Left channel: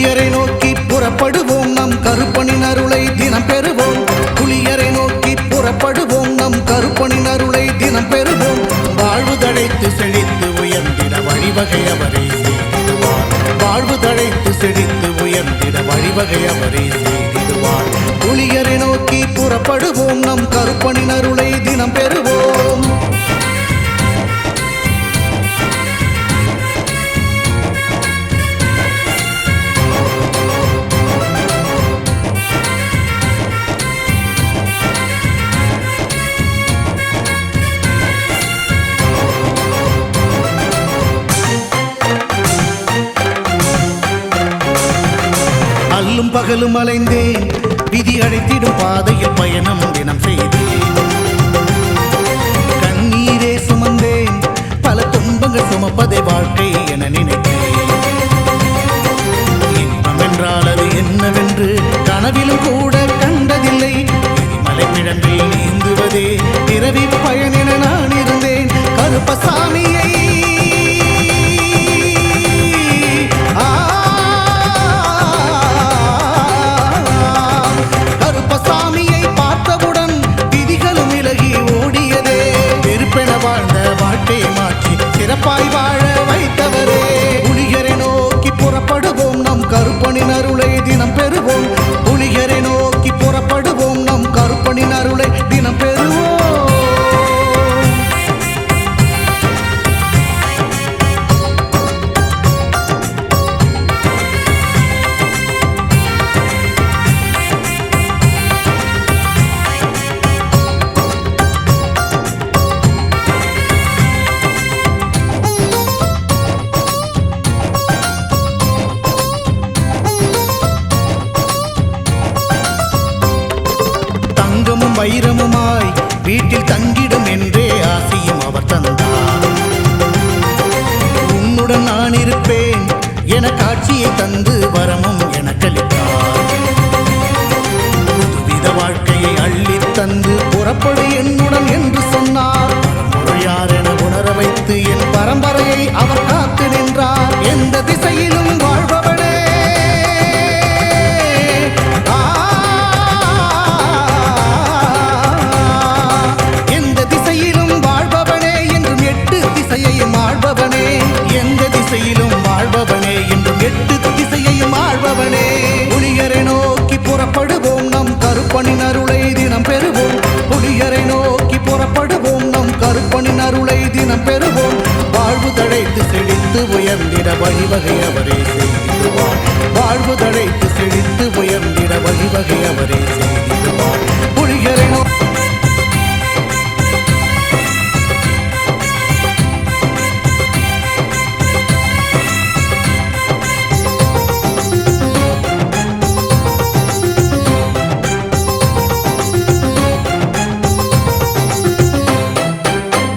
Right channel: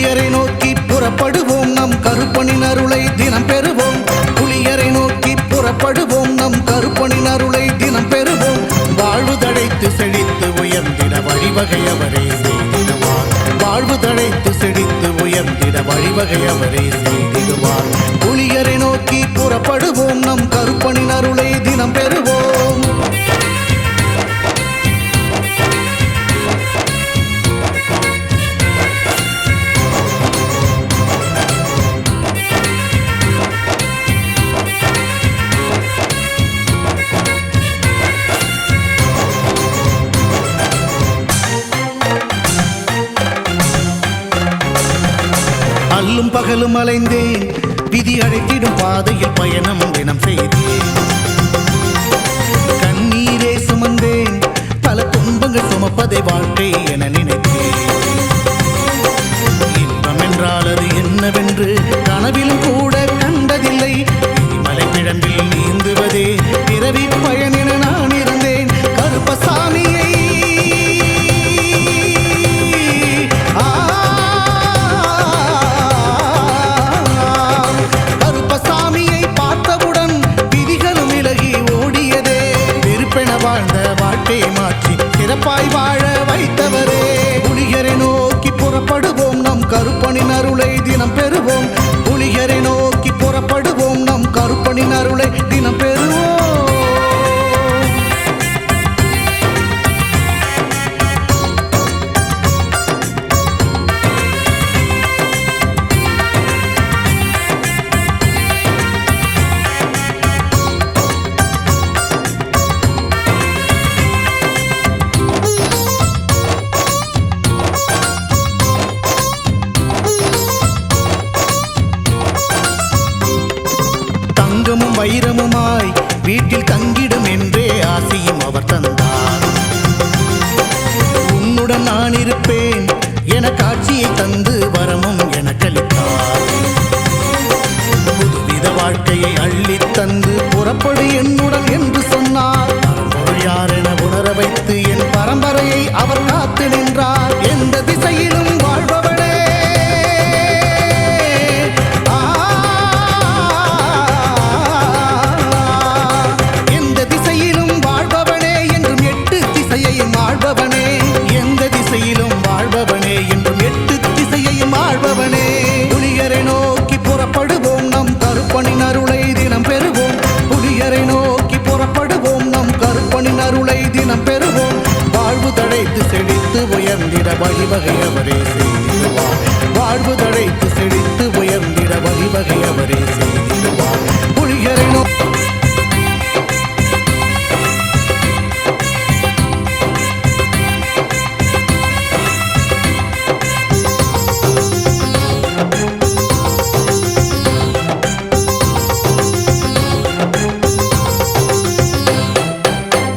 புலியரை நோக்கி புறப்படுவோம், நம் கருப்பனின் அருளை தினம் பெறுவோம். புலியரை நோக்கி புறப்படுவோம், நம் கருப்பனின் அருளை தினம் பெறுவோம். வாழ்வு தழைத்து செழித்து உயர்ந்திட வழிவகை அவரே செய்திடுவார். வாழ்வு தழைத்து செழித்து உயர்ந்திட வழிவகை அவரே செய்திடுவார். புலியரை நோக்கி புறப்படுவோம், நம் கருப்பனின் அருளை தினம் பெறுவோம். அல்லும் பகலும் அலைந்தேன், விதி அழைத்திடும் பாதையில் பயணம் தினம் செய்தேன். கண்ணீரே சுமந்தேன், பல துன்பங்கள் சுமப்பதை வாழ்க்கை என நினைத்தேன். இன்பம் என்றால் அது என்னவென்று கனவிலும் கூட கண்டதில்லை. எரிமலை பிழம்பில் நீந்துவதே பிறவி பயன் என நான் இருந்தேன். கருப்பசாமியை கருப்பசாமியை பார்த்தவுடன் விதிகளும் விலகி ஓடியதே. வெறுப்பென வாழ்ந்த வாழ்க்கையை மாற்றி சிறப்பாய் வாழ வைத்தவரே. புலியரை நோக்கி புறப்படுவோம், நம் கருப்பனின் அருளை தினம் பெறுவோம். புலியரை நோக்கி புறப்படுவோம், நம் கருப்பனின் அருளை தினம் பெறுவோம். தங்கமும் வைரமுமாய் வீட்டில் தங்கிடும் என்றே ஆசையும் அவர் தந்தார். உன்னுடன் நான் இருப்பேன் என காட்சியை தந்து வரமும் எனக்களித்தார். புதுவித வாழ்க்கையை அள்ளி தந்து புறப்படு என்னுடன் என்று சொன்னார். பரம்பொருள் யார் என உணர வைத்து என் பரம்பரையை அவர் காத்து நின்றார். எந்த திசையிலும் வாழ்பவனே, வாழ்பவனே என்றும் எட்டு திசையையும் ஆள்பவனே. எந்த திசையிலும் வாழ்பவனே என்றும் எட்டு திசையையும் ஆள்பவனே. புலியரை நோக்கி புறப்படுவோம், நம் கருப்பனின் அருளை தினம் பெறுவோம். புலியரை நோக்கி புறப்படுவோம், நம் கருப்பனின் அருளை தினம் பெறுவோம். வாழ்வு தழைத்து செழித்து உயர்ந்திட வழிவகை அவரே செய்திடுவார். வாழ்வு தழைத்து செழித்து உயர்ந்திட வழிவகை அவரே செய்திடுவார். புலியரை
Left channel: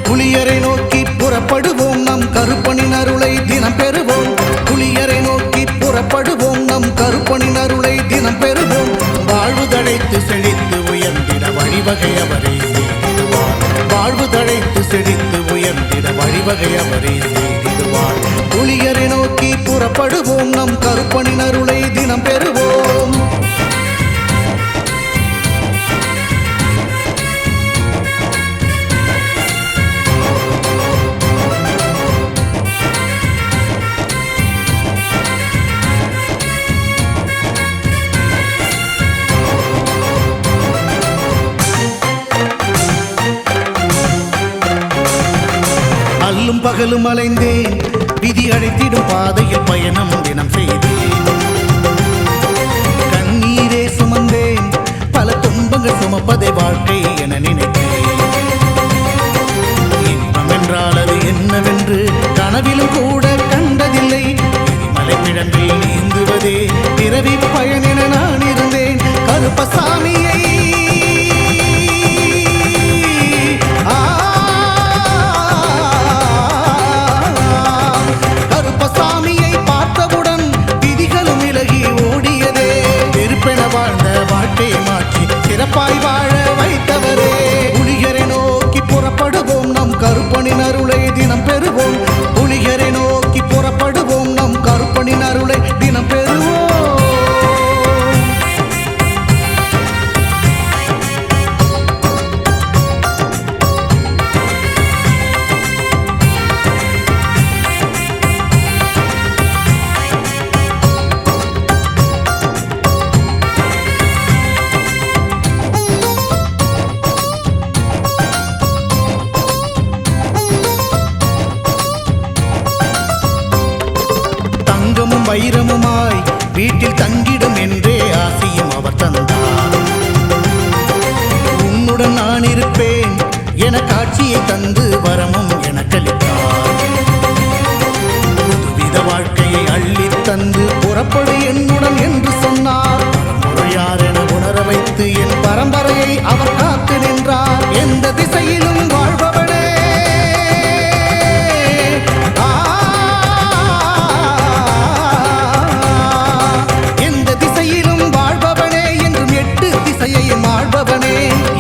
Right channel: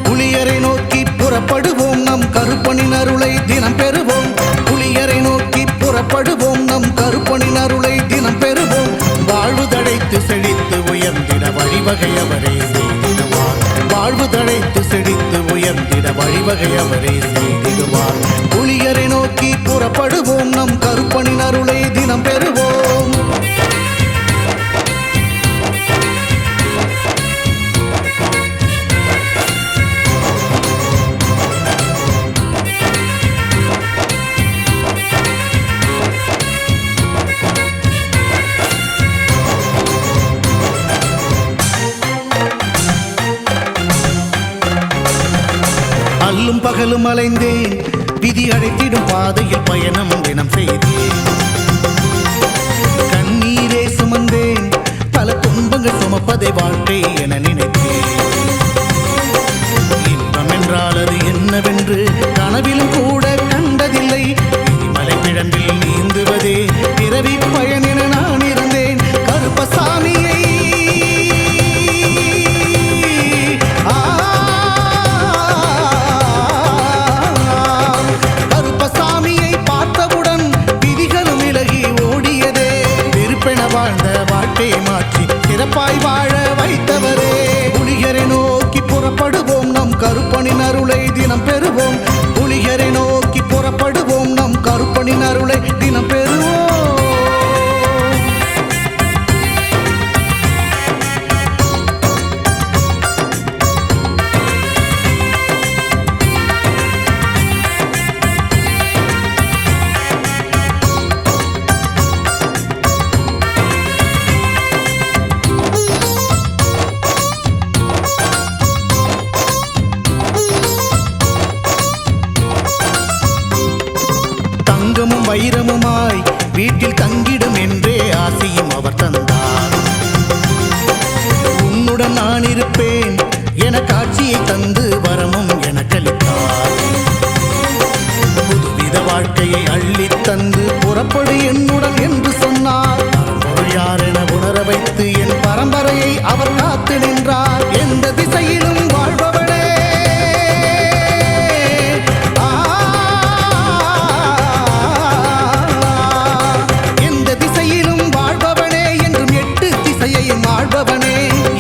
புலியரை நோக்கி புறப்படுவோம், நம் கருப்பனின் அருளை தினம் பெறுவோம். புலியரை நோக்கி புறப்படுவோம், நம் கருப்பனின் அருளை தினம் பெறுவோம். வாழ்வு தழைத்து செழித்து உயர்ந்திட வழிவகை அவரே செய்திடுவார். வாழ்வு தழைத்து செழித்து உயர்ந்திட வழிவகை அவரே செய்திடுவார். புலியரை நோக்கி புறப்படுவோம், நம் கருப்பனின் அருளை தினம் பெறுவோம். அல்லும் பகலும் அலைந்தேன், விதி அழைத்திடும் பாதையில் பயணம் தினம் செய்தேன். கண்ணீரே சுமந்தேன், பல துன்பங்கள் சுமப்பதை வாழ்க்கை என நினைத்தேன். இன்பம் என்றால் அது என்னவென்று கனவிலும் கூட கண்டதில்லை. எரிமலை பிழம்பில் நீந்துவதே பிறவி பயன் என நான் இருந்தேன். கருப்பசாமியை கருப்பசாமியை பார்த்தவுடன் விதிகளும் விலகி ஓடியதே. வெறுப்பென வாழ்ந்த வாழ்க்கையை மாற்றி சிறப்பாய் வாழ வைத்தவரே. புலியரை நோக்கி புறப்படுவோம், நம் கருப்பனின் அருளை தினம் பெறுவோம். புலியரை நோக்கி புறப்படுவோம், நம் கருப்பனின் அருளை தினம் பெறுவோம். தங்கமும் வைரமுமாய் வீட்டில் தங்கிடும் என்றே ஆசையும் அவர் தந்தார். உன்னுடன் நான் இருப்பேன் என காட்சியை தந்து வரமும் எனக்களித்தார். புதுவித வாழ்க்கையை அள்ளித் தந்து புறப்படு என்னுடன் என்று சொன்னார். பரம்பொருள் யார் என உணர வைத்து என் பரம்பரையை அவர் காத்து நின்றார். எந்த திசையிலும் வாழ்பவனே, திசையையும் ஆள்பவனே,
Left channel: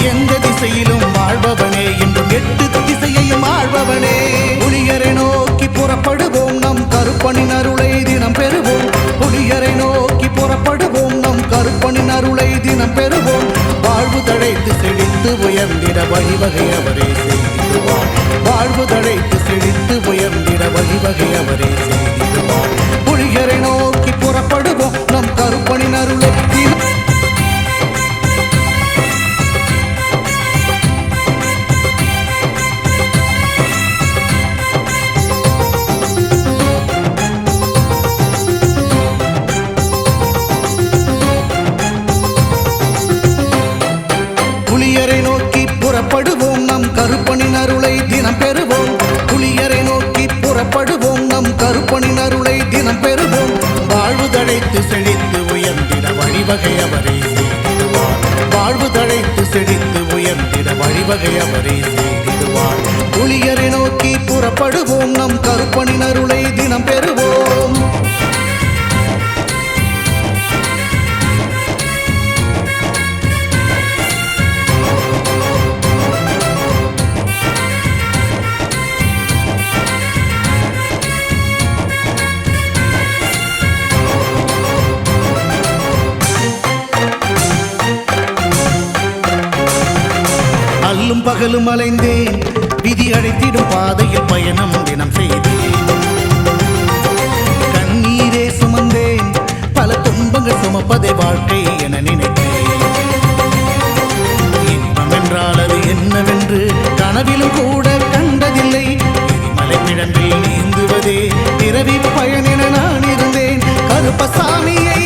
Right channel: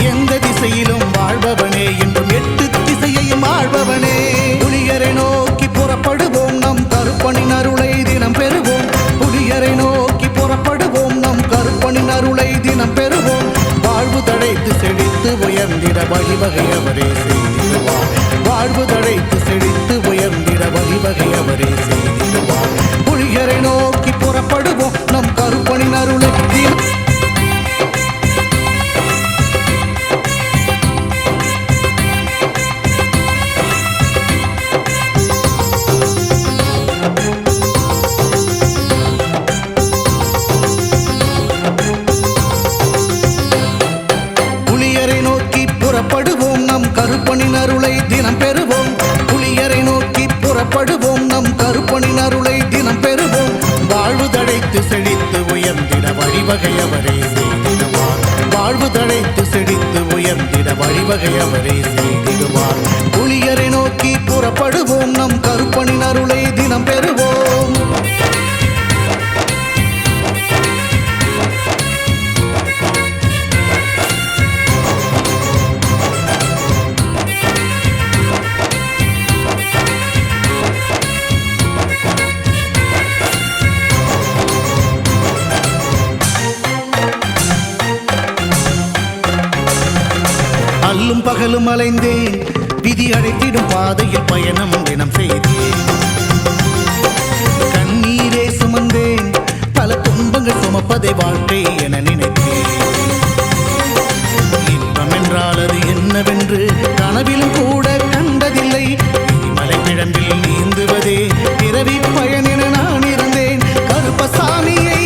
எந்த திசையிலும் வாழ்பவனே என்றும் 8 திசையையும் ஆள்பவனே. புலியரை நோக்கி புறப்படுவோம், நம் கருப்பனின் அருளை தினம் பெறுவோம். புலியரை நோக்கி புறப்படுவோம், நம் கருப்பனின் அருளை தினம் பெறுவோம். வாழ்வு தழைத்து செழித்து உயர்ந்திட வழிவகை அவரே செய்திடுவார். வாழ்வு தழைத்து செழித்து உயர்ந்திட வழிவகை அவரே செய்திடுவார். புலியரை நோக்கி புறப்படுவோம், நம் கருப்பனின் அருளை தினம் புலியரை நோக்கி புறப்படுவோம், நம் கருப்பனின் அருளை தினம் பெறுவோம். புலியரை நோக்கி புறப்படுவோம், நம் கருப்பனின் அருளை தினம் பெறுவோம். வாழ்வு தழைத்து செழித்து உயர்ந்திட வழிவகை அவரே செய்திடுவார். வாழ்வு தழைத்து செழித்து உயர்ந்திட வழிவகை அவரே செய்திடுவார். புலியரை நோக்கி புறப்படுவோம், நம் கருப்பனின் அருளை தினம் பெறுவோம். அல்லும் பகலும் அலைந்தேன், விதி அழைத்திடும் பாதையில் பயணம் தினம் செய்தேன். கண்ணீரே சுமந்தேன், பல துன்பங்கள் சுமப்பதை வாழ்க்கை என நினைத்தேன். இன்பம் என்றால் அது என்னவென்று கனவிலும் கூட கண்டதில்லை. எரிமலை பிழம்பில் நீந்துவதே பிறவி பயன் என நான் இருந்தேன். கருப்பசாமியை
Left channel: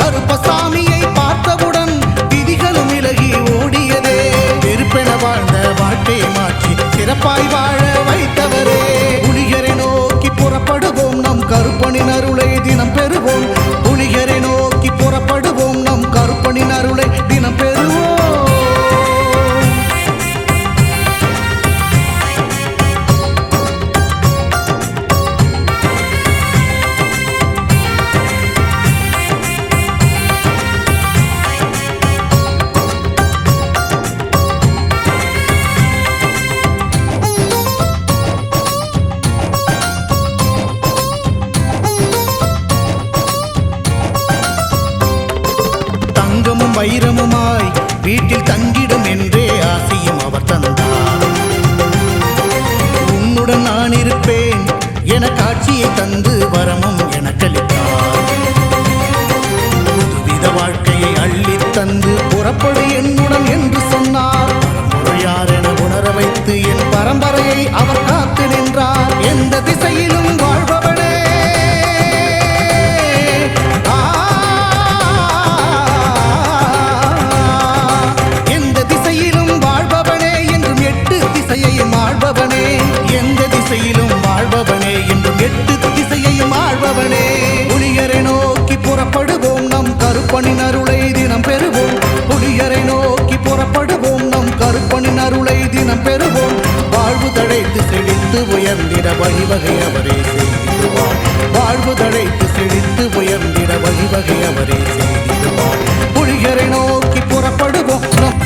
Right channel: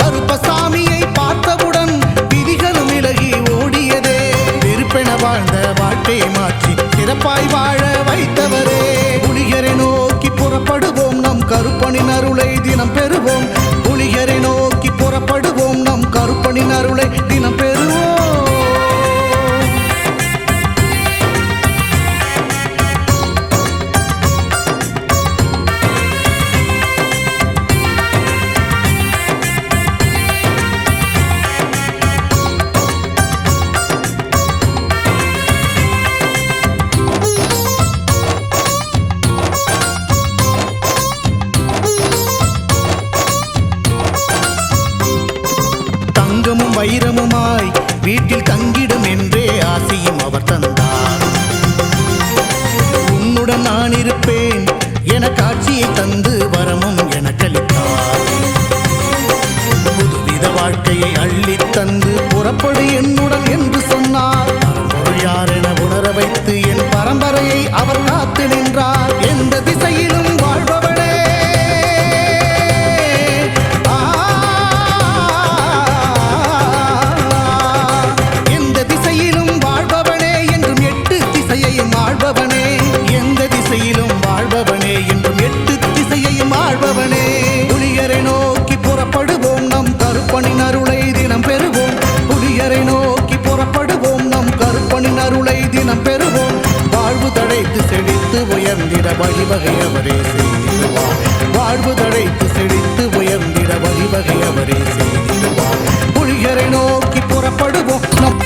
கருப்பசாமியை பார்த்தவுடன் விதிகளும் விலகி ஓடியதே. வெறுப்பென வாழ்ந்த வாழ்க்கையை மாற்றி சிறப்பாய் வாழ வைத்தவரே. புலியரை நோக்கி புறப்படுவோம், நம் கருப்பனின் அருளை தினம் பெறுவோம். புலியரை நோக்கி புறப்படுவோம், நம் கருப்பனின் அருளை தினம் பெறுவோம். தங்கமும் வைரமுமாய் வீட்டில் தங்கிடும் என்றே ஆசையும் அவர் தந்தார். உன்னுடன் நான் இருப்பேன் என காட்சியை தந்து வரமும் எனக்களித்தார். புதுவித வாழ்க்கையை அள்ளித் தந்து புறப்படு என்னுடன் என்று சொன்னார். பரம்பொருள் யார் என உணர வைத்து என் பரம்பரையை அவர் காத்து நின்றார். எந்த திசையிலும் வாழ்பவனே, வாழ்பவனே என்றும் 8 திசையையும் ஆள்பவனே. எந்த திசையிலும் வாழ்பவனே என்றும் 8 திசையையும் ஆள்பவனே. புலியரை நோக்கி புறப்படுவோம், நம் கருப்பனின் அருளை தினம் பெறுவோம். புலியரை நோக்கி புறப்படுவோம், நம் கருப்பனின் அருளை தினம் பெறுவோம். வாழ்வு தழைத்து செழித்து உயர்ந்திட வழிவகை அவரே செய்திடுவார். வாழ்வு தழைத்து செழித்து உயர்ந்திட வழிவகை அவரே செய்திடுவார். புலியரை நோக்கி புறப்படுவோம், நம்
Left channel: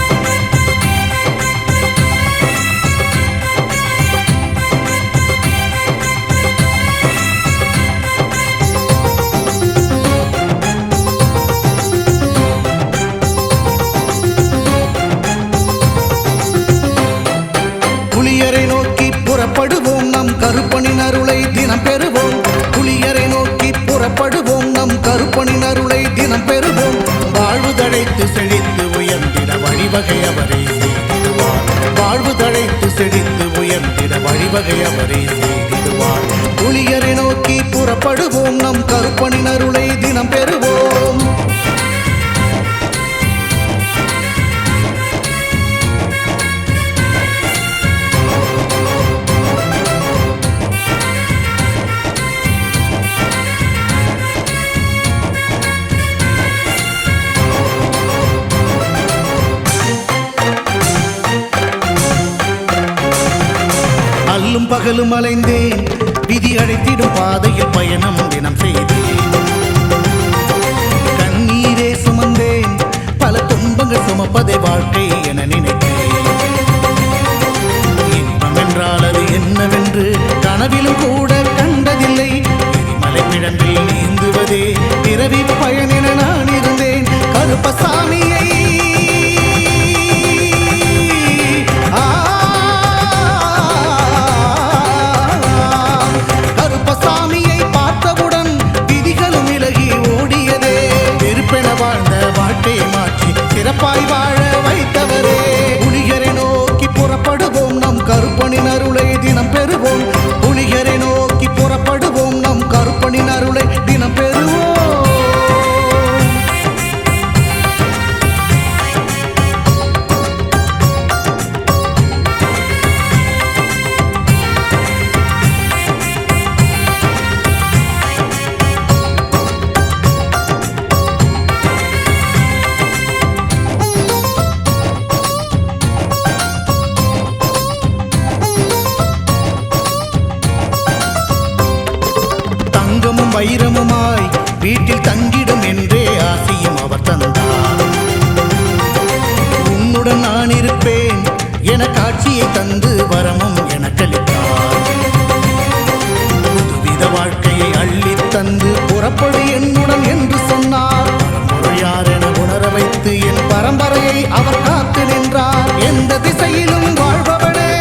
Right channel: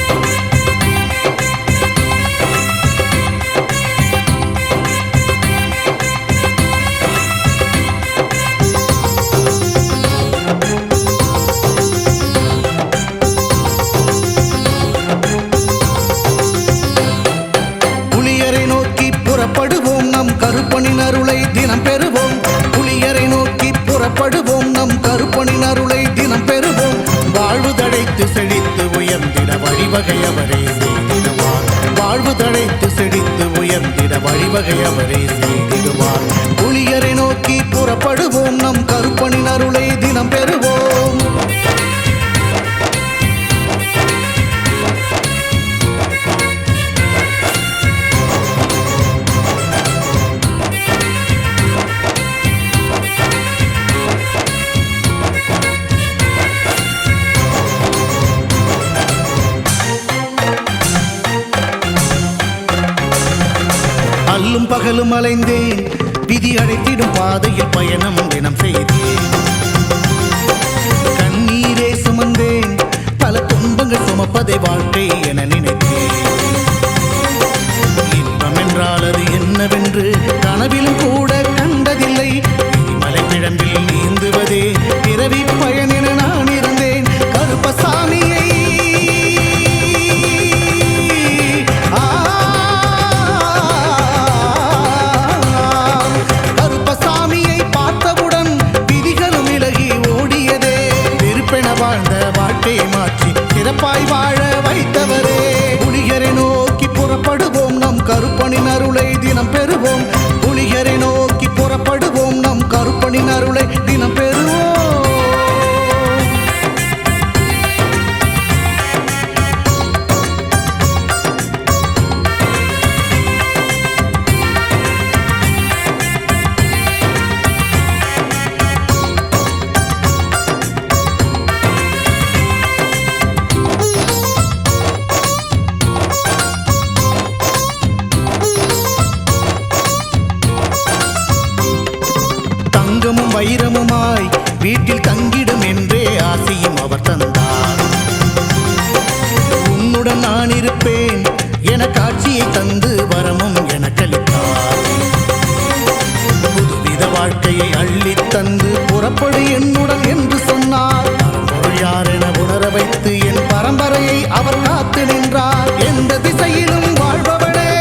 புளியரை நோக்கி புறப்படுவோம் நம் கருப்பனின் அருளை தினம் பெறுவோம். புளியரை நோக்கி புறப்படுவோம் நம் கருப்பனின் அருளை தினம் பெறுவோம். வாழ்வு தழைத்து செழித்து உயர்ந்திட வழிவகை அவரே செய்திடுவார். வாழ்வு தழைத்து செழித்து உயர்ந்திட வழிவகை அவரே செய்திடுவார். புளியரை நோக்கி புறப்படுவோம் நம் கருப்பனின் அருளை தினம் பெறுவோம். அல்லும் பகலும் அலைந்தேன், விதி அழைத்திடும் பாதையில் பயணம் தினம் செய்தேன். கண்ணீரே சுமந்தேன், பல துன்பங்கள் சுமப்பதை வாழ்க்கை என நினைத்தேன். இன்பம் என்றால் அது என்னவென்று கனவிலும் கூட கண்டதில்லை. எரிமலை பிழம்பில் நீந்துவதே பிறவி பயன் என நான் இருந்தேன். கருப்பசாமியை கருப்பசாமியை பார்த்தவுடன் விதிகளும் விலகி ஓடியதே. வெறுப்பென வாழ்ந்த வாழ்க்கையை மாற்றி சிறப்பாய் வாழ வைத்தவரே. புலிகரை நோக்கி புறப்படுவோம் நம் கருப்பனின் அருளை தினம் பெறுவோம். புலிகரை நோக்கி புறப்படுவோம் நம் கருப்பனின் அருளை தினம் பெறுவோம். தங்கமும் வைரமுமாய் வீட்டில் தங்கிடும் என்றே ஆசையும் அவர் தந்தார். உன்னுடன் நான் இருப்பேன் என காட்சியை தந்து வரமும் எனக்களித்தார். புதுவித வாழ்க்கையை அள்ளித் தந்து புறப்படு என்னுடன் என்று சொன்னார். பரம்பொருள் யார் என உணர வைத்து என் பரம்பரையை அவர் காத்து நின்றார். எந்த திசையிலும் வாழ்பவனே,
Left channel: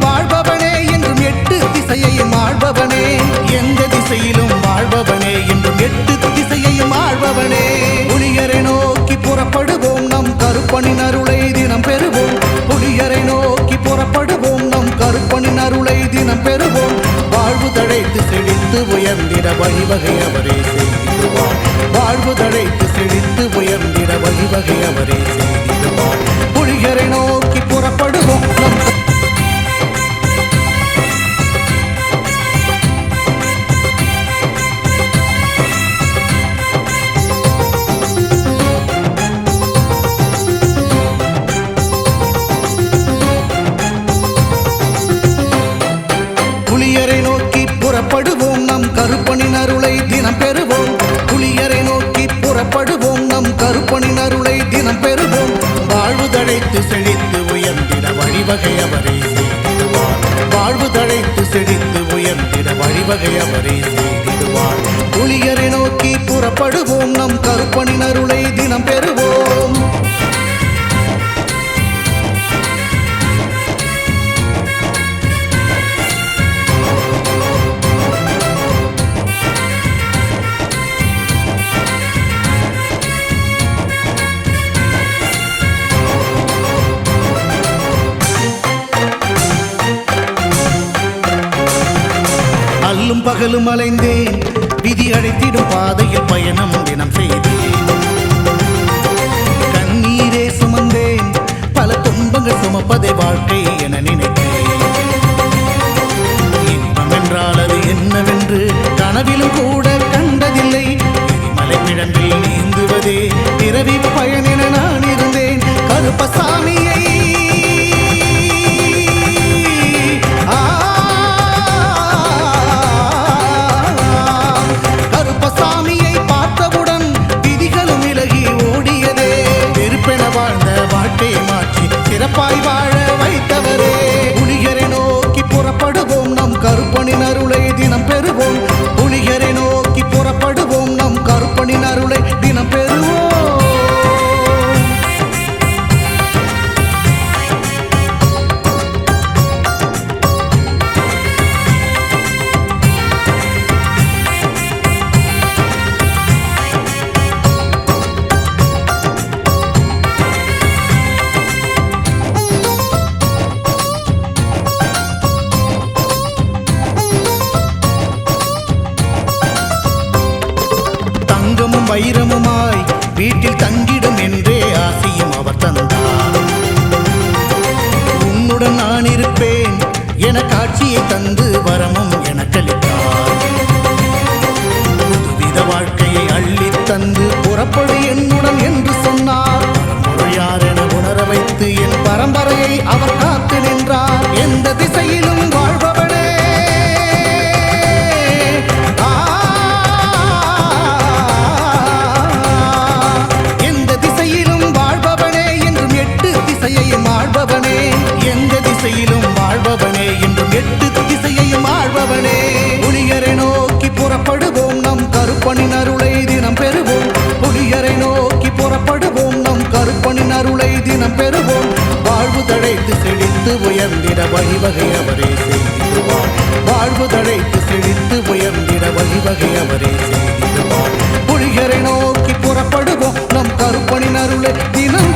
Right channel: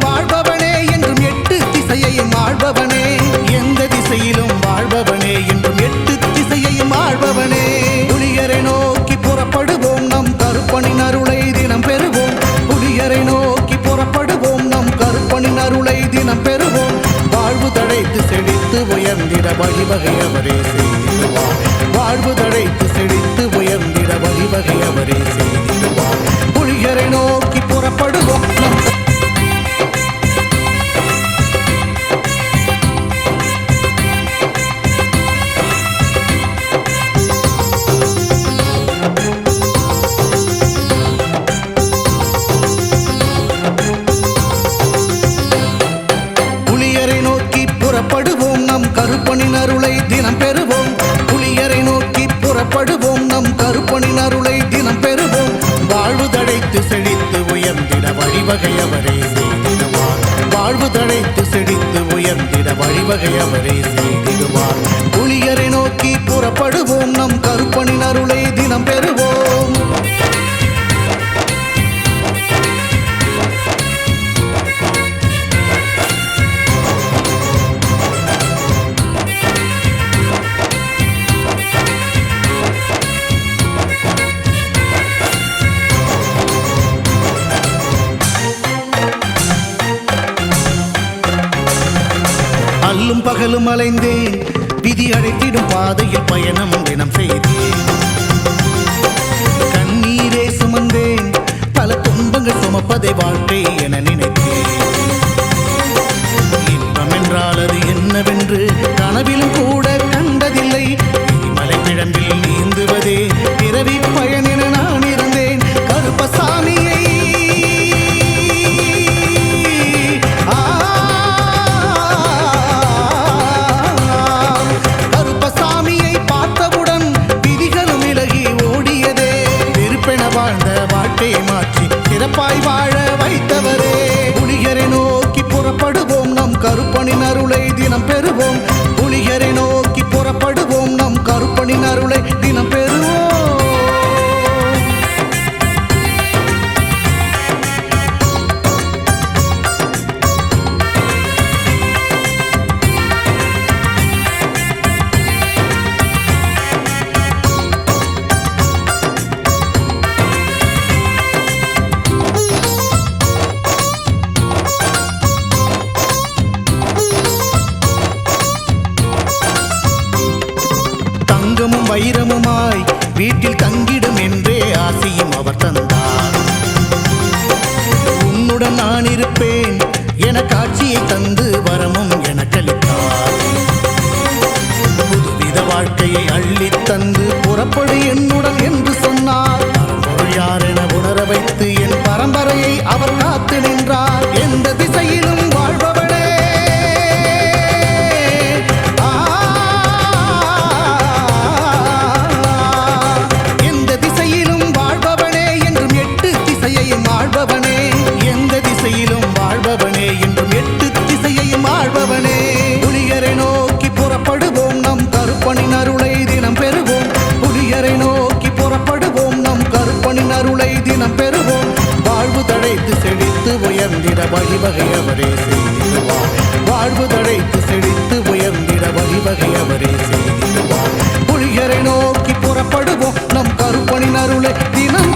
வாழ்பவனே என்றும் எட்டு திசையையும் ஆள்பவனே. எந்த திசையிலும் வாழ்பவனே என்றும் எட்டு திசையையும் ஆள்பவனே. புலியரை நோக்கி புறப்படுவோம் நம் கருப்பனின் அருளை தினம் பெறுவோம். புலியரை நோக்கி புறப்படுவோம் நம் கருப்பனின் அருளை தினம் பெறுவோம். வாழ்வு தழைத்து செழித்து உயர்ந்திட வழிவகை அவரே செய்திடுவார். வாழ்வு தழைத்து செழித்து உயர்ந்திட வழிவகை அவரே செய்திடுவார். புலியரை நோக்கி புறப்படுவோம் நம் புலியரை நோக்கி புறப்படுவோம் நம் கருப்பனின் அருளை தினம் பெறுவோம். புலியரை நோக்கி புறப்படுவோம் நம் கருப்பனின் அருளை தினம் பெறுவோம். வாழ்வு தழைத்து செழித்து உயர்ந்திட வழிவகை அவரே செய்திடுவார். வாழ்வு தழைத்து செழித்து உயர்ந்திட வழிவகை அவரே செய்திடுவார். புலியரை நோக்கி புறப்படுவோம் நம் கருப்பனின் அருளை தினம் பெறுவோம். அல்லும் பகலும் அலைந்தேன், விதி அழைத்திடும் பாதையில் பயணம் தினம் செய்தேன். கண்ணீரே சுமந்தேன், பல துன்பங்கள் சுமப்பதை வாழ்க்கை என நினைத்தேன். இன்பம் என்றால் அது என்னவென்று கனவிலும் கூட கண்டதில்லை. எரிமலை பிழம்பில் நீந்துவதே பிறவி பயன் என நான் இருந்தேன். கருப்பசாமியை கருப்பசாமியை பார்த்தவுடன் விதிகளும் விலகி ஓடியதே. வெறுப்பென வாழ்ந்த வாழ்க்கையை மாற்றி சிறப்பாய் வாழ வைத்தவரே. புலிகரை நோக்கி புறப்படுவோம், நம் கருப்பனின் அருளை தினம் பெறுவோம். புலிகரை நோக்கி புறப்படுவோம், நம் கருப்பனின் அருளை தினம் பெறுவோம். தங்கமும் வைரமுமாய் வீட்டில் தங்கிடும் என்றே ஆசியும் அவர் தந்தார். உன்னுடன் நான் இருப்பேன் என காட்சியை தந்து வரமும் எனக்களித்தார். புதுவித வாழ்க்கையை அள்ளி தந்து புறப்படு என்னுடன் என்று சொன்னார். பரம்பொருள் யார் என உணர வைத்து என் பரம்பரையை அவர் காத்து நின்றார். எந்த திசையிலும் வாழ்பவனே, திசையையும் ஆள்பவனே, எந்த திசையிலும் வாழ்பவனே, என்றும் 8 திசையையும் ஆள்பவனே. புலிகரை நோக்கி புறப்படுவோம், நம் கருப்பனின் அருளை தினம் பெறுவோம். புலிகரை நோக்கி புறப்படுவோம், நம் கருப்பனின் அருளை தினம் பெறுவோம். வாழ்வு தழைத்து செழித்து உயர்ந்திட வழிவகை அவரே செய்திடுவார். வாழ்வு தழைத்து செழித்து உயர்ந்திட வழிவகை அவரே செய்திடுவார். புலிகரை நோக்கி புறப்படுவோம், நம் கருப்பனின் அருளை தினம்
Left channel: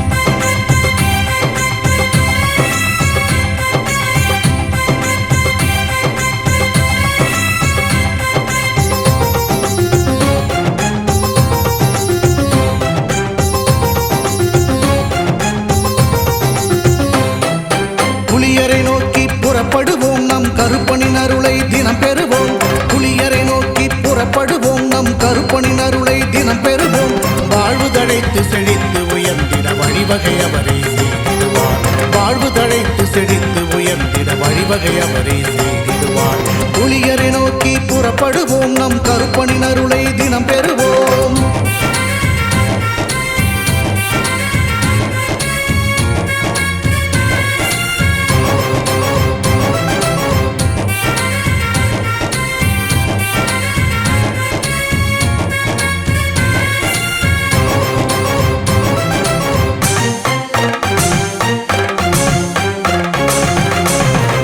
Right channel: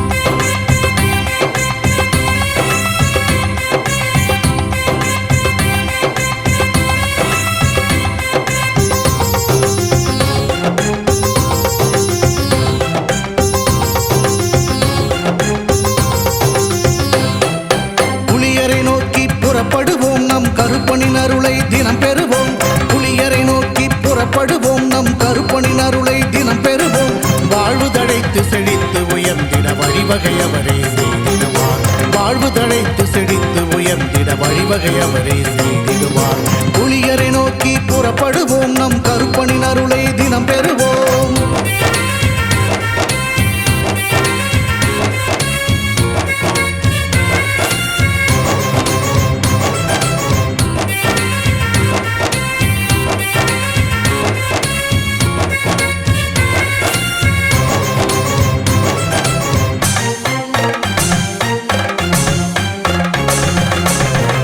புலிகரை நோக்கி புறப்படுவோம், நம் கருப்பனின் அருளை தினம் பெறுவோம். புலிகரை நோக்கி புறப்படுவோம், நம் கருப்பனின் அருளை தினம் பெறுவோம். வாழ்வு தழைத்து செழித்து உயர்ந்திட வழிவகை அவரே செய்திடுவார். வாழ்வு தழைத்து செழித்து உயர்ந்திட வழிவகை அவரே செய்திடுவார். புலிகரை நோக்கி புறப்படுவோம், நம் கருப்பனின் அருளை தினம் பெறுவோம்.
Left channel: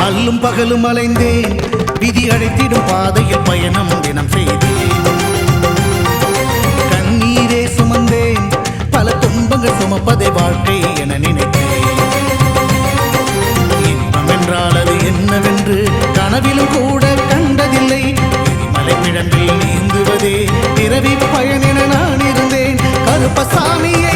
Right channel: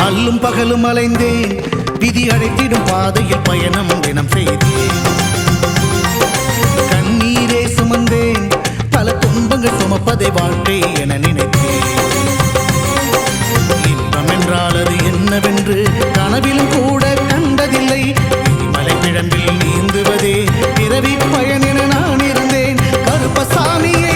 அல்லும் பகலும் அலைந்தேன், விதி அழைத்திடும் பாதையில் பயணம் தினம் செய்தேன். கண்ணீரே சுமந்தேன், பல துன்பங்கள் சுமப்பதை வாழ்க்கை என நினைத்தேன். இன்பம் என்றால் அது என்னவென்று கனவிலும் கூட கண்டதில்லை. எரிமலை பிழம்பில் நீந்துவதே பிறவி பயன் என நான் இருந்தேன். கருப்பசாமியை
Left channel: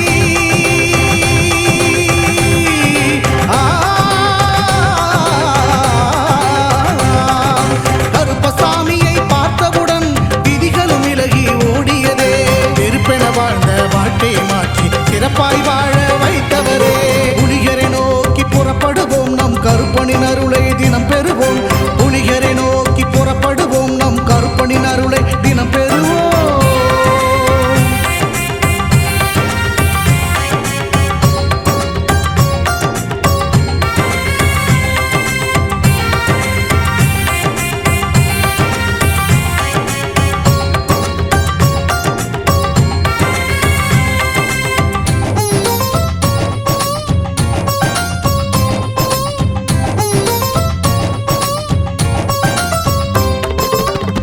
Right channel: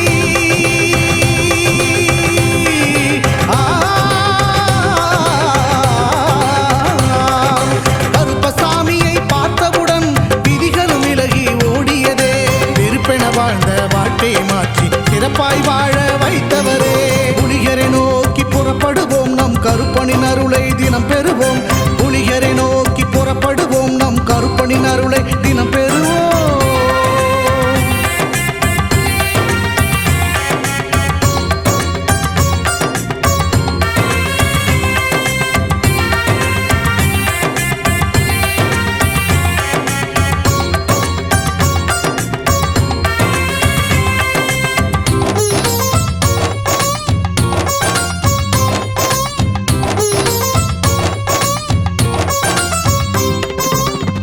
கருப்பசாமியை பார்த்தவுடன் விதிகளும் விலகி ஓடியதே. வெறுப்பென வாழ்ந்த வாழ்க்கையை மாற்றி சிறப்பாய் வாழ வைத்தவரே. புலிகரை நோக்கி புறப்படுவோம், நம் கருப்பனின் அருளை தினம் பெறுவோம். புலிகரை நோக்கி புறப்படுவோம், நம் கருப்பனின் அருளை தினம் பெறுவோம்.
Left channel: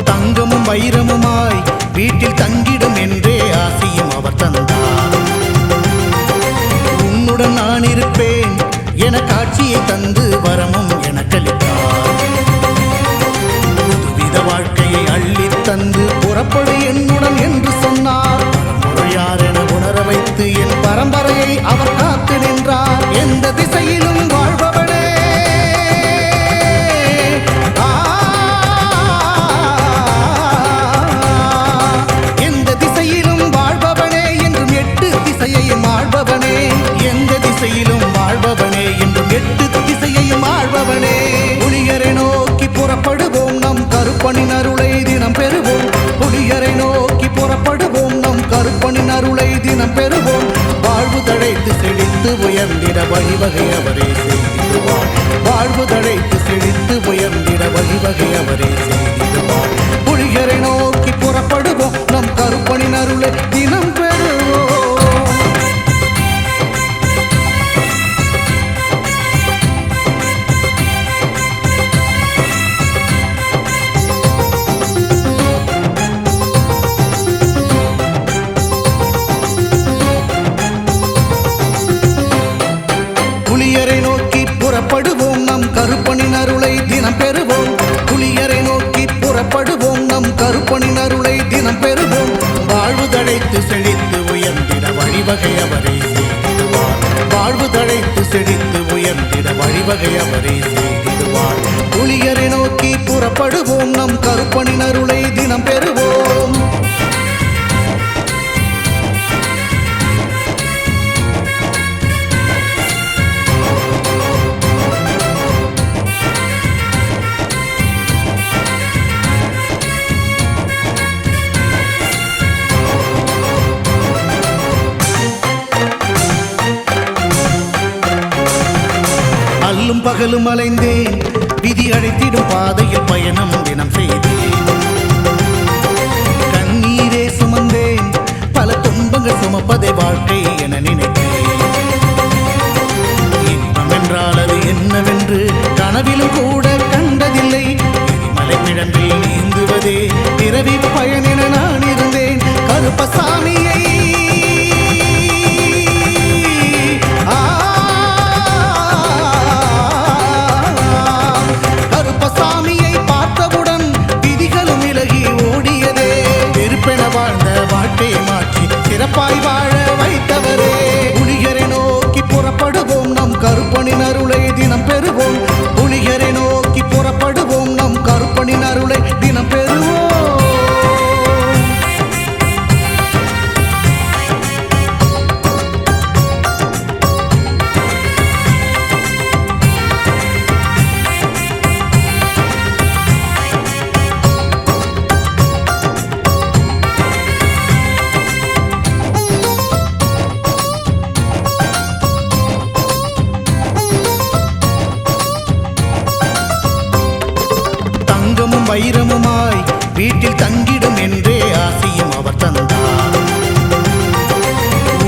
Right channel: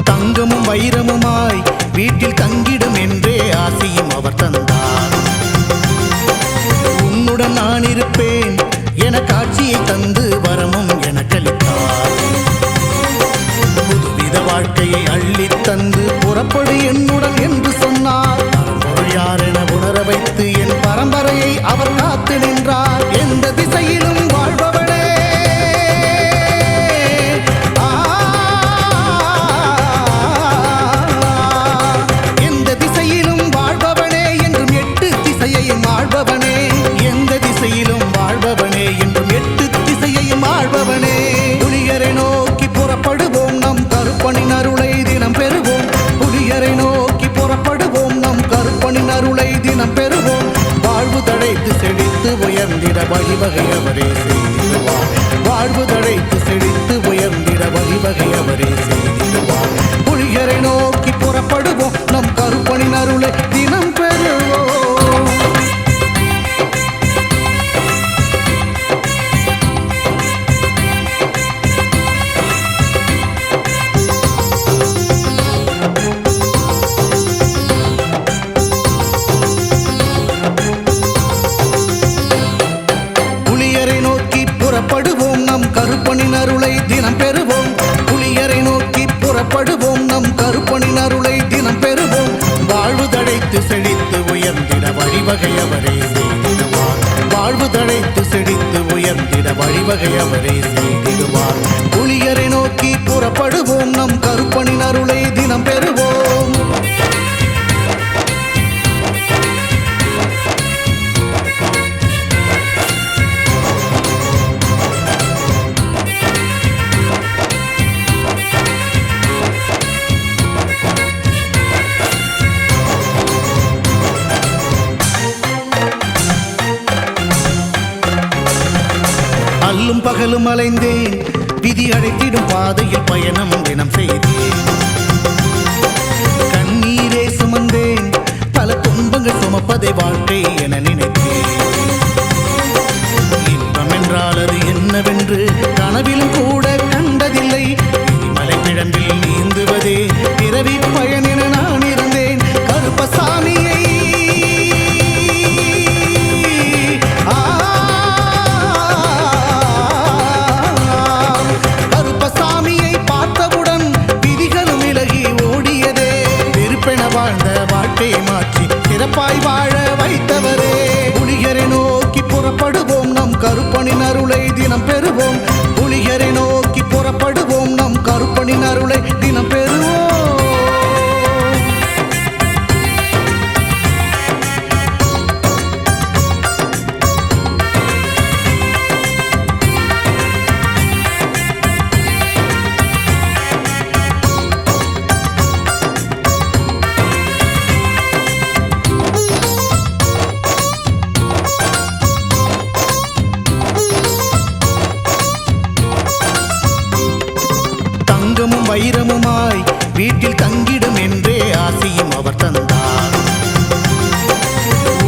தங்கமும் வைரமுமாய் வீட்டில் தங்கிடும் என்றே ஆசியும் அவர் தந்தார். உன்னுடன் நான் இருப்பேன் என காட்சியை தந்து வரமும் எனக்களித்தார். புதுவித வாழ்க்கையை அள்ளி தந்து புறப்படு என்னுடன் என்று சொன்னார். பரம்பொருள் யார் என உணர வைத்து என் பரம்பரையை அவர் காத்து நின்றார். எந்த திசையிலும் வாழ்பவனே, வாழ்பவனே, என்றும் 8 திசையையும் ஆள்பவனே. எந்த திசையிலும் வாழ்பவனே, என்றும் 8 திசையையும் ஆள்பவனே. புலியரை நோக்கி புறப்படுவோம், நம் கருப்பனின் அருளை தினம் பெறுவோம். புலியரை நோக்கி புறப்படுவோம், நம் கருப்பனின் அருளை தினம் பெறுவோம். வாழ்வு தழைத்து செழித்து உயர்ந்திட வழிவகை அவரே செய்திடுவார். வாழ்வு தழைத்து செழித்து உயர்ந்திட வழிவகை அவரே செய்திடுவார். புலியரை நோக்கி புறப்படுவோம், நம் கருப்பனின் அருளை தினம் பெறுவோம். புலியரை நோக்கி புறப்படுவோம், நம் கருப்பனின் அருளை தினம் பெறுவோம். புலியரை நோக்கி புறப்படுவோம், நம் கருப்பனின் அருளை தினம் பெறுவோம். வாழ்வு தழைத்து செழித்து உயர்ந்திட வழிவகை அவரே செய்திடுவார். வாழ்வு தழைத்து செழித்து உயர்ந்திட வழிவகை அவரே செய்திடுவார். புலியரை நோக்கி புறப்படுவோம், நம் கருப்பனின் அருளை தினம் பெறுவோம். அல்லும் பகலும் அலைந்தேன், விதி அழைத்திடும் பாதையில் பயணம் தினம் செய்தேன். கண்ணீரே சுமந்தேன், பல துன்பங்கள் சுமப்பதை வாழ்க்கை என நினைத்தேன். இன்பம் என்றால் அது என்னவென்று கனவிலும் கூட கண்டதில்லை. எரிமலை பிழம்பில் நீந்துவதே பிறவி பயன் என நான் இருந்தேன். கருப்பசாமியை கருப்பசாமியை பார்த்தவுடன் விதிகளும் விலகி ஓடியதே. வெறுப்பென வாழ்ந்த வாழ்க்கையை மாற்றி சிறப்பாய் வாழ வைத்தவரே. புலியரை நோக்கி புறப்படுவோம், நம் கருப்பனின் அருளை தினம் பெறுவோம். புலியரை நோக்கி புறப்படுவோம், நம் கருப்பனின் அருளை தினம் பெறுவோம். தங்கமும் வைரமுமாய் வீட்டில் தங்கிடும் என்றே ஆசியும் அவர் தந்தார்.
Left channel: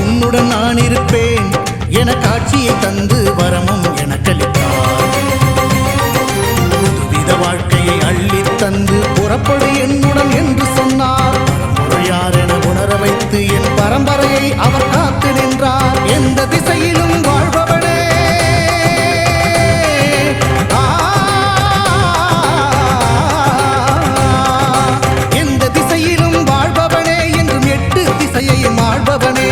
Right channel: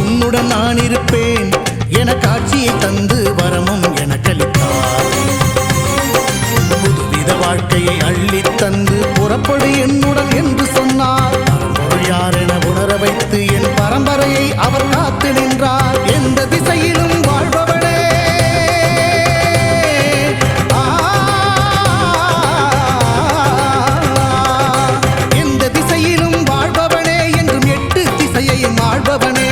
உன்னுடன் நான் இருப்பேன் என காட்சியை தந்து வரமும் எனக்களித்தார். புதுவித வாழ்க்கையை அள்ளி தந்து புறப்படு என்னுடன் என்று சொன்னார். பரம்பொருள் யார் என உணர வைத்து என் பரம்பரையை அவர் காத்து நின்றார். எந்த திசையிலும் வாழ்பவனே, வாழ்பவனே என்றும் எட்டு திசையையும் ஆள்பவனே.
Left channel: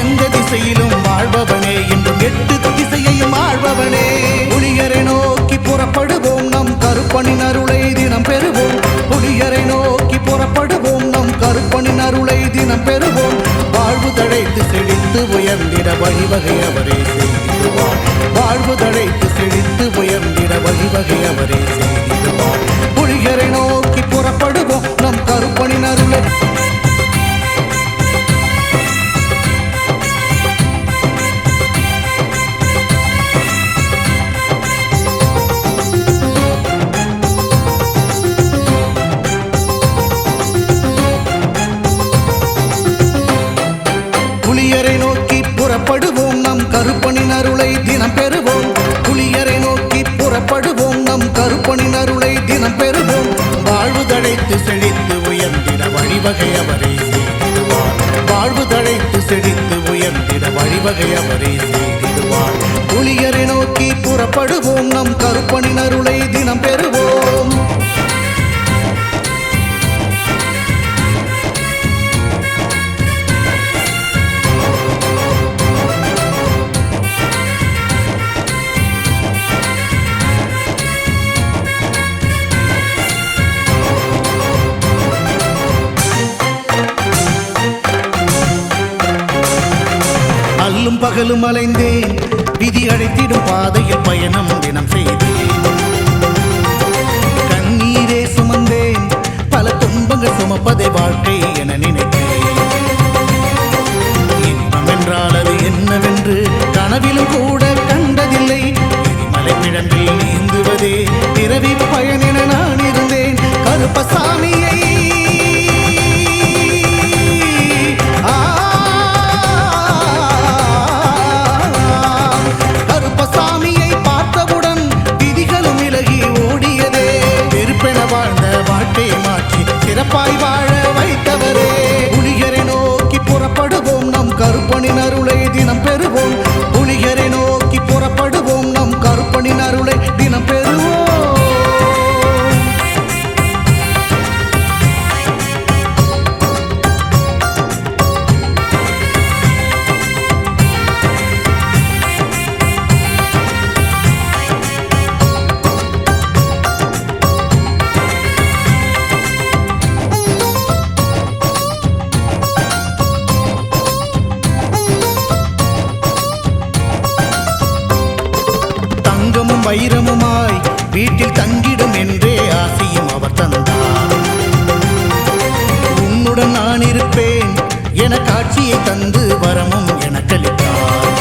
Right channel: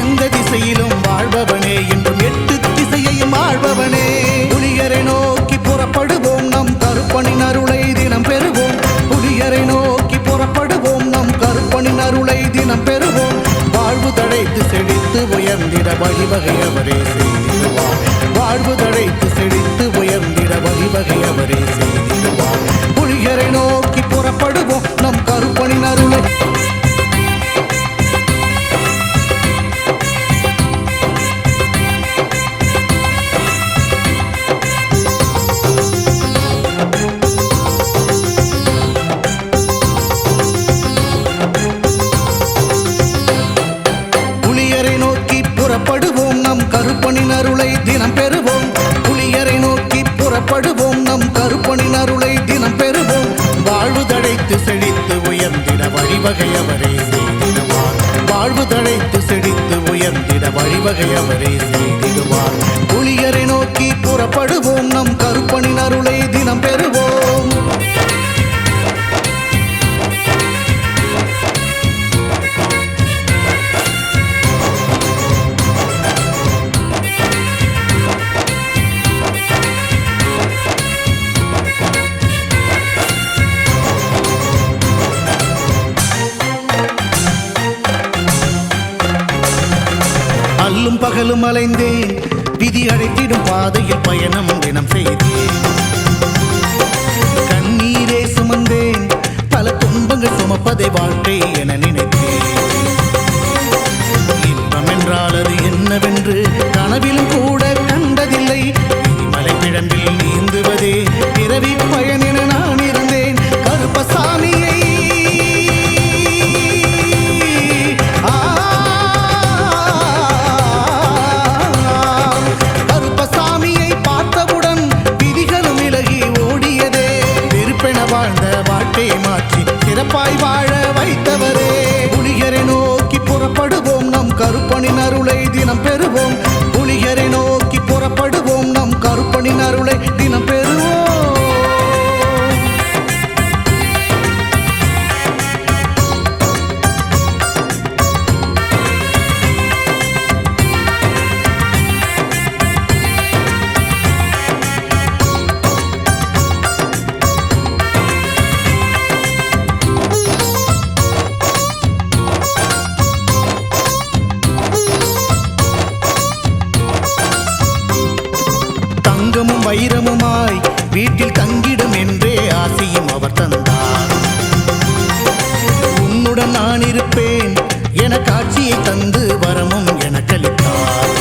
எந்த திசையிலும் வாழ்பவனே என்றும் எட்டு திசையையும் ஆள்பவனே. புலியரை நோக்கி புறப்படுவோம், நம் கருப்பனின் அருளை தினம் பெறுவோம். புலியரை நோக்கி புறப்படுவோம், நம் கருப்பனின் அருளை தினம் பெறுவோம். வாழ்வு தழைத்து செழித்து உயர்ந்திட வழிவகை அவரே செய்திடுவார். வாழ்வு தழைத்து செழித்து உயர்ந்திட வழிவகை அவரே செய்திடுவார். புலியரை நோக்கி புறப்படுவோம், நம் கருப்பனின் அருளை புலியரை நோக்கி புறப்படுவோம், நம் கருப்பனின் அருளை தினம் பெறுவோம். புலியரை நோக்கி புறப்படுவோம், நம் கருப்பனின் அருளை தினம் பெறுவோம். வாழ்வு தழைத்து செழித்து உயர்ந்திட வழிவகை அவரே செய்திடுவார். வாழ்வு தழைத்து செழித்து உயர்ந்திட வழிவகை அவரே செய்திடுவார். புலியரை நோக்கி புறப்படுவோம், நம் கருப்பனின் அருளை தினம் பெறுவோம். அல்லும் பகலும் அலைந்தேன், விதி அழைத்திடும் பாதையில் பயணம் தினம் செய்தேன். கண்ணீரே சுமந்தேன், பல துன்பங்கள் சுமப்பதை வாழ்க்கை என நினைத்தேன். இன்பம் என்றால் அது என்னவென்று கனவிலும் கூட கண்டதில்லை. எரிமலை பிழம்பில் நீந்துவதே பிறவி பயன் என நான் இருந்தேன். கருப்பசாமியை கருப்பசாமியை பார்த்தவுடன் விதிகளும் விலகி ஓடியதே. வெறுப்பென வாழ்ந்த வாழ்க்கையை மாற்றி சிறப்பாய் வாழ வைத்தவரே. புலிகரை நோக்கி புறப்படுவோம், நம் கருப்பனின் அருளை தினம் பெறுவோம். புலிகரை நோக்கி புறப்படுவோம், நம் கருப்பனின் அருளை தினம் பெறுவோம். தங்கமும் வைரமுமாய் வீட்டில் தங்கிடும் என்றே ஆசையும் அவர் தந்தார். உன்னுடன் நான் இருப்பேன் என காட்சியை தந்து வரமும் எனக்களித்தார்.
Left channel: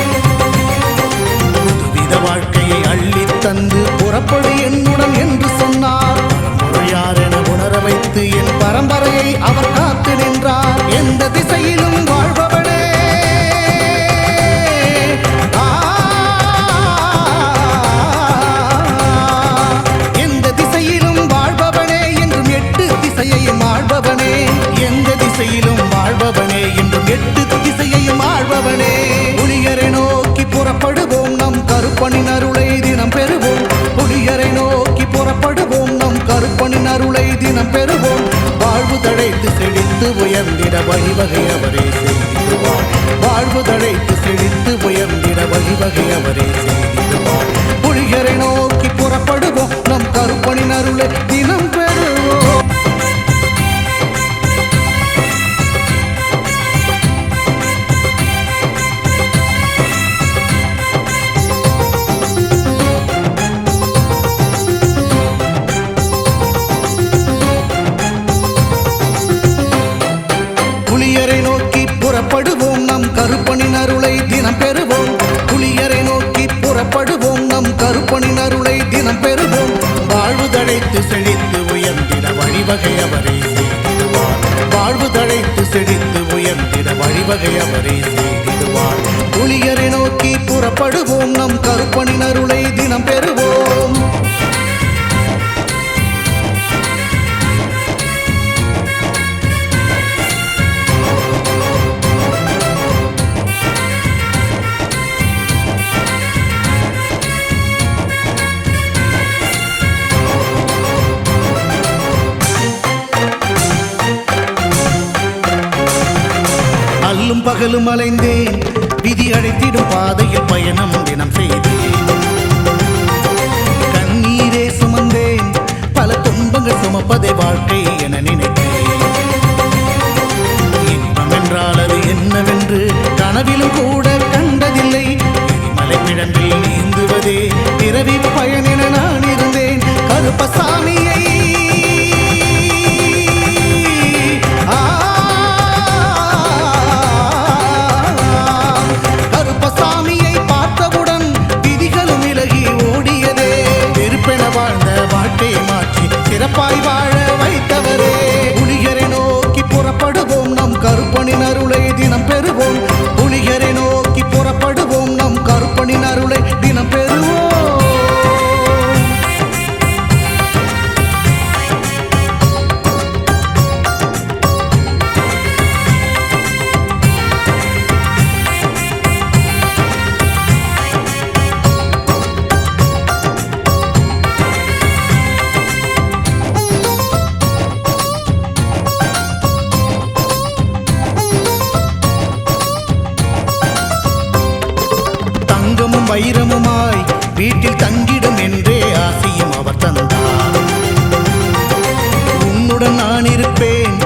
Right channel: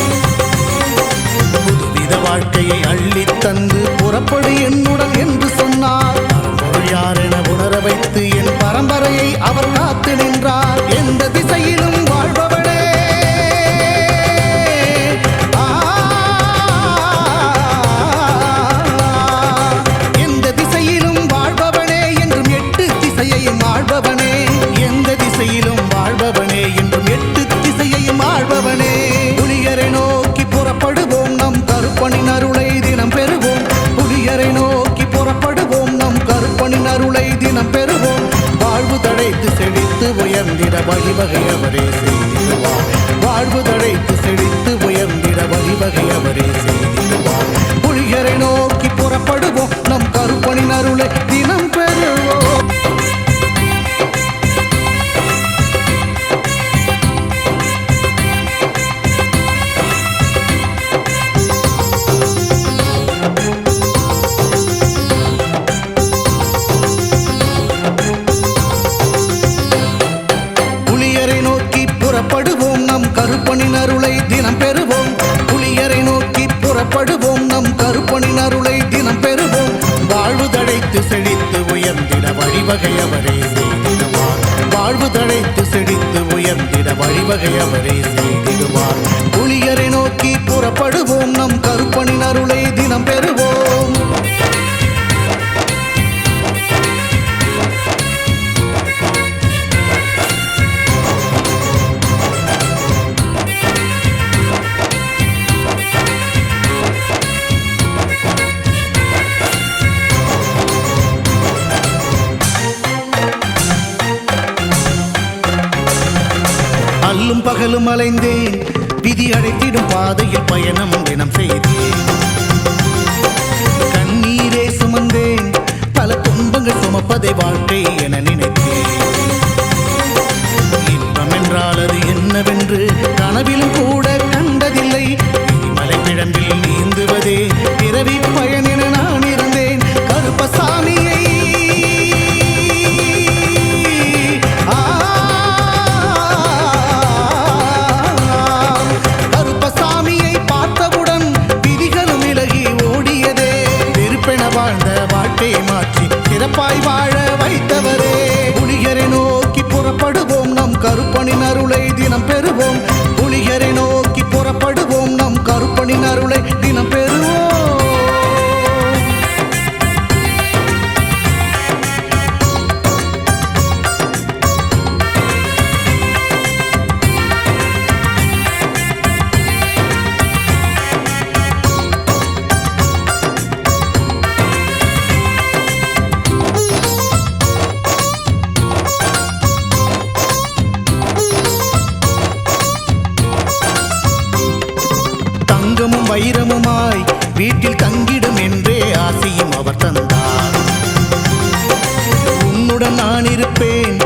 புதுவித வாழ்க்கையை அள்ளித் தந்து புறப்படு என்னுடன் என்று சொன்னார். பரம்பொருள் யார் என உணர வைத்து என் பரம்பரையை அவர் காத்து நின்றார். எந்த திசையிலும் வாழ்பவனே, வாழ்பவனே என்றும் எட்டு திசையையும் ஆள்பவனே. எந்த திசையிலும் வாழ்பவனே என்றும் எட்டு திசையையும் ஆள்பவனே. புலிகரை நோக்கி புறப்படுவோம், நம் கருப்பனின் அருளை தினம் பெறுவோம். புலிகரை நோக்கி புறப்படுவோம், நம் கருப்பனின் அருளை தினம் பெறுவோம். வாழ்வு தழைத்து செழித்து உயர்ந்திட வழிவகை அவரே செய்திடுவார். வாழ்வு தழைத்து செழித்து உயர்ந்திட வழிவகை அவரே செய்திடுவார். புலிகரை நோக்கி புறப்படுவோம், நம் கருப்பனின் அருளை தினம் பெறுவோம். புலியரை நோக்கி புறப்படுவோம், நம் கருப்பனின் அருளை தினம் பெறுவோம். புலியரை நோக்கி புறப்படுவோம், நம் கருப்பனின் அருளை தினம் பெறுவோம். வாழ்வு தழைத்து செழித்து உயர்ந்திட வழிவகை அவரே செய்திடுவார். வாழ்வு தழைத்து செழித்து உயர்ந்திட வழிவகை அவரே செய்திடுவார். புலியரை நோக்கி புறப்படுவோம், நம் கருப்பனின் அருளை தினம் பெறுவோம். அல்லும் பகலும் அலைந்தேன், விதி அழைத்திடும் பாதையில் பயணம் தினம் செய்தேன். கண்ணீரே சுமந்தேன், பல துன்பங்கள் சுமப்பதை வாழ்க்கை என நினைத்தேன். இன்பம் என்றால் அது என்னவென்று கனவிலும் கூட கண்டதில்லை. எரிமலை பிழம்பில் நீந்துவதே பிறவி பயன் என நான் இருந்தேன். கருப்பசாமியை கருப்பசாமியை பார்த்தவுடன் விதிகளும் விலகி ஓடியதே. வெறுப்பென வாழ்ந்த வாழ்க்கையை மாற்றி சிறப்பாய் வாழ வைத்தவரே. புலிகரை நோக்கி புறப்படுவோம், நம் கருப்பனின் அருளை தினம் பெறுவோம். புலிகரை நோக்கி புறப்படுவோம், நம் கருப்பனின் அருளை தினம் பெறுவோம். தங்கமும் வைரமுமாய் வீட்டில் தங்கிடும் என்றே ஆசையும் அவர் தந்தார். உன்னுடன் நான் இருப்பேன்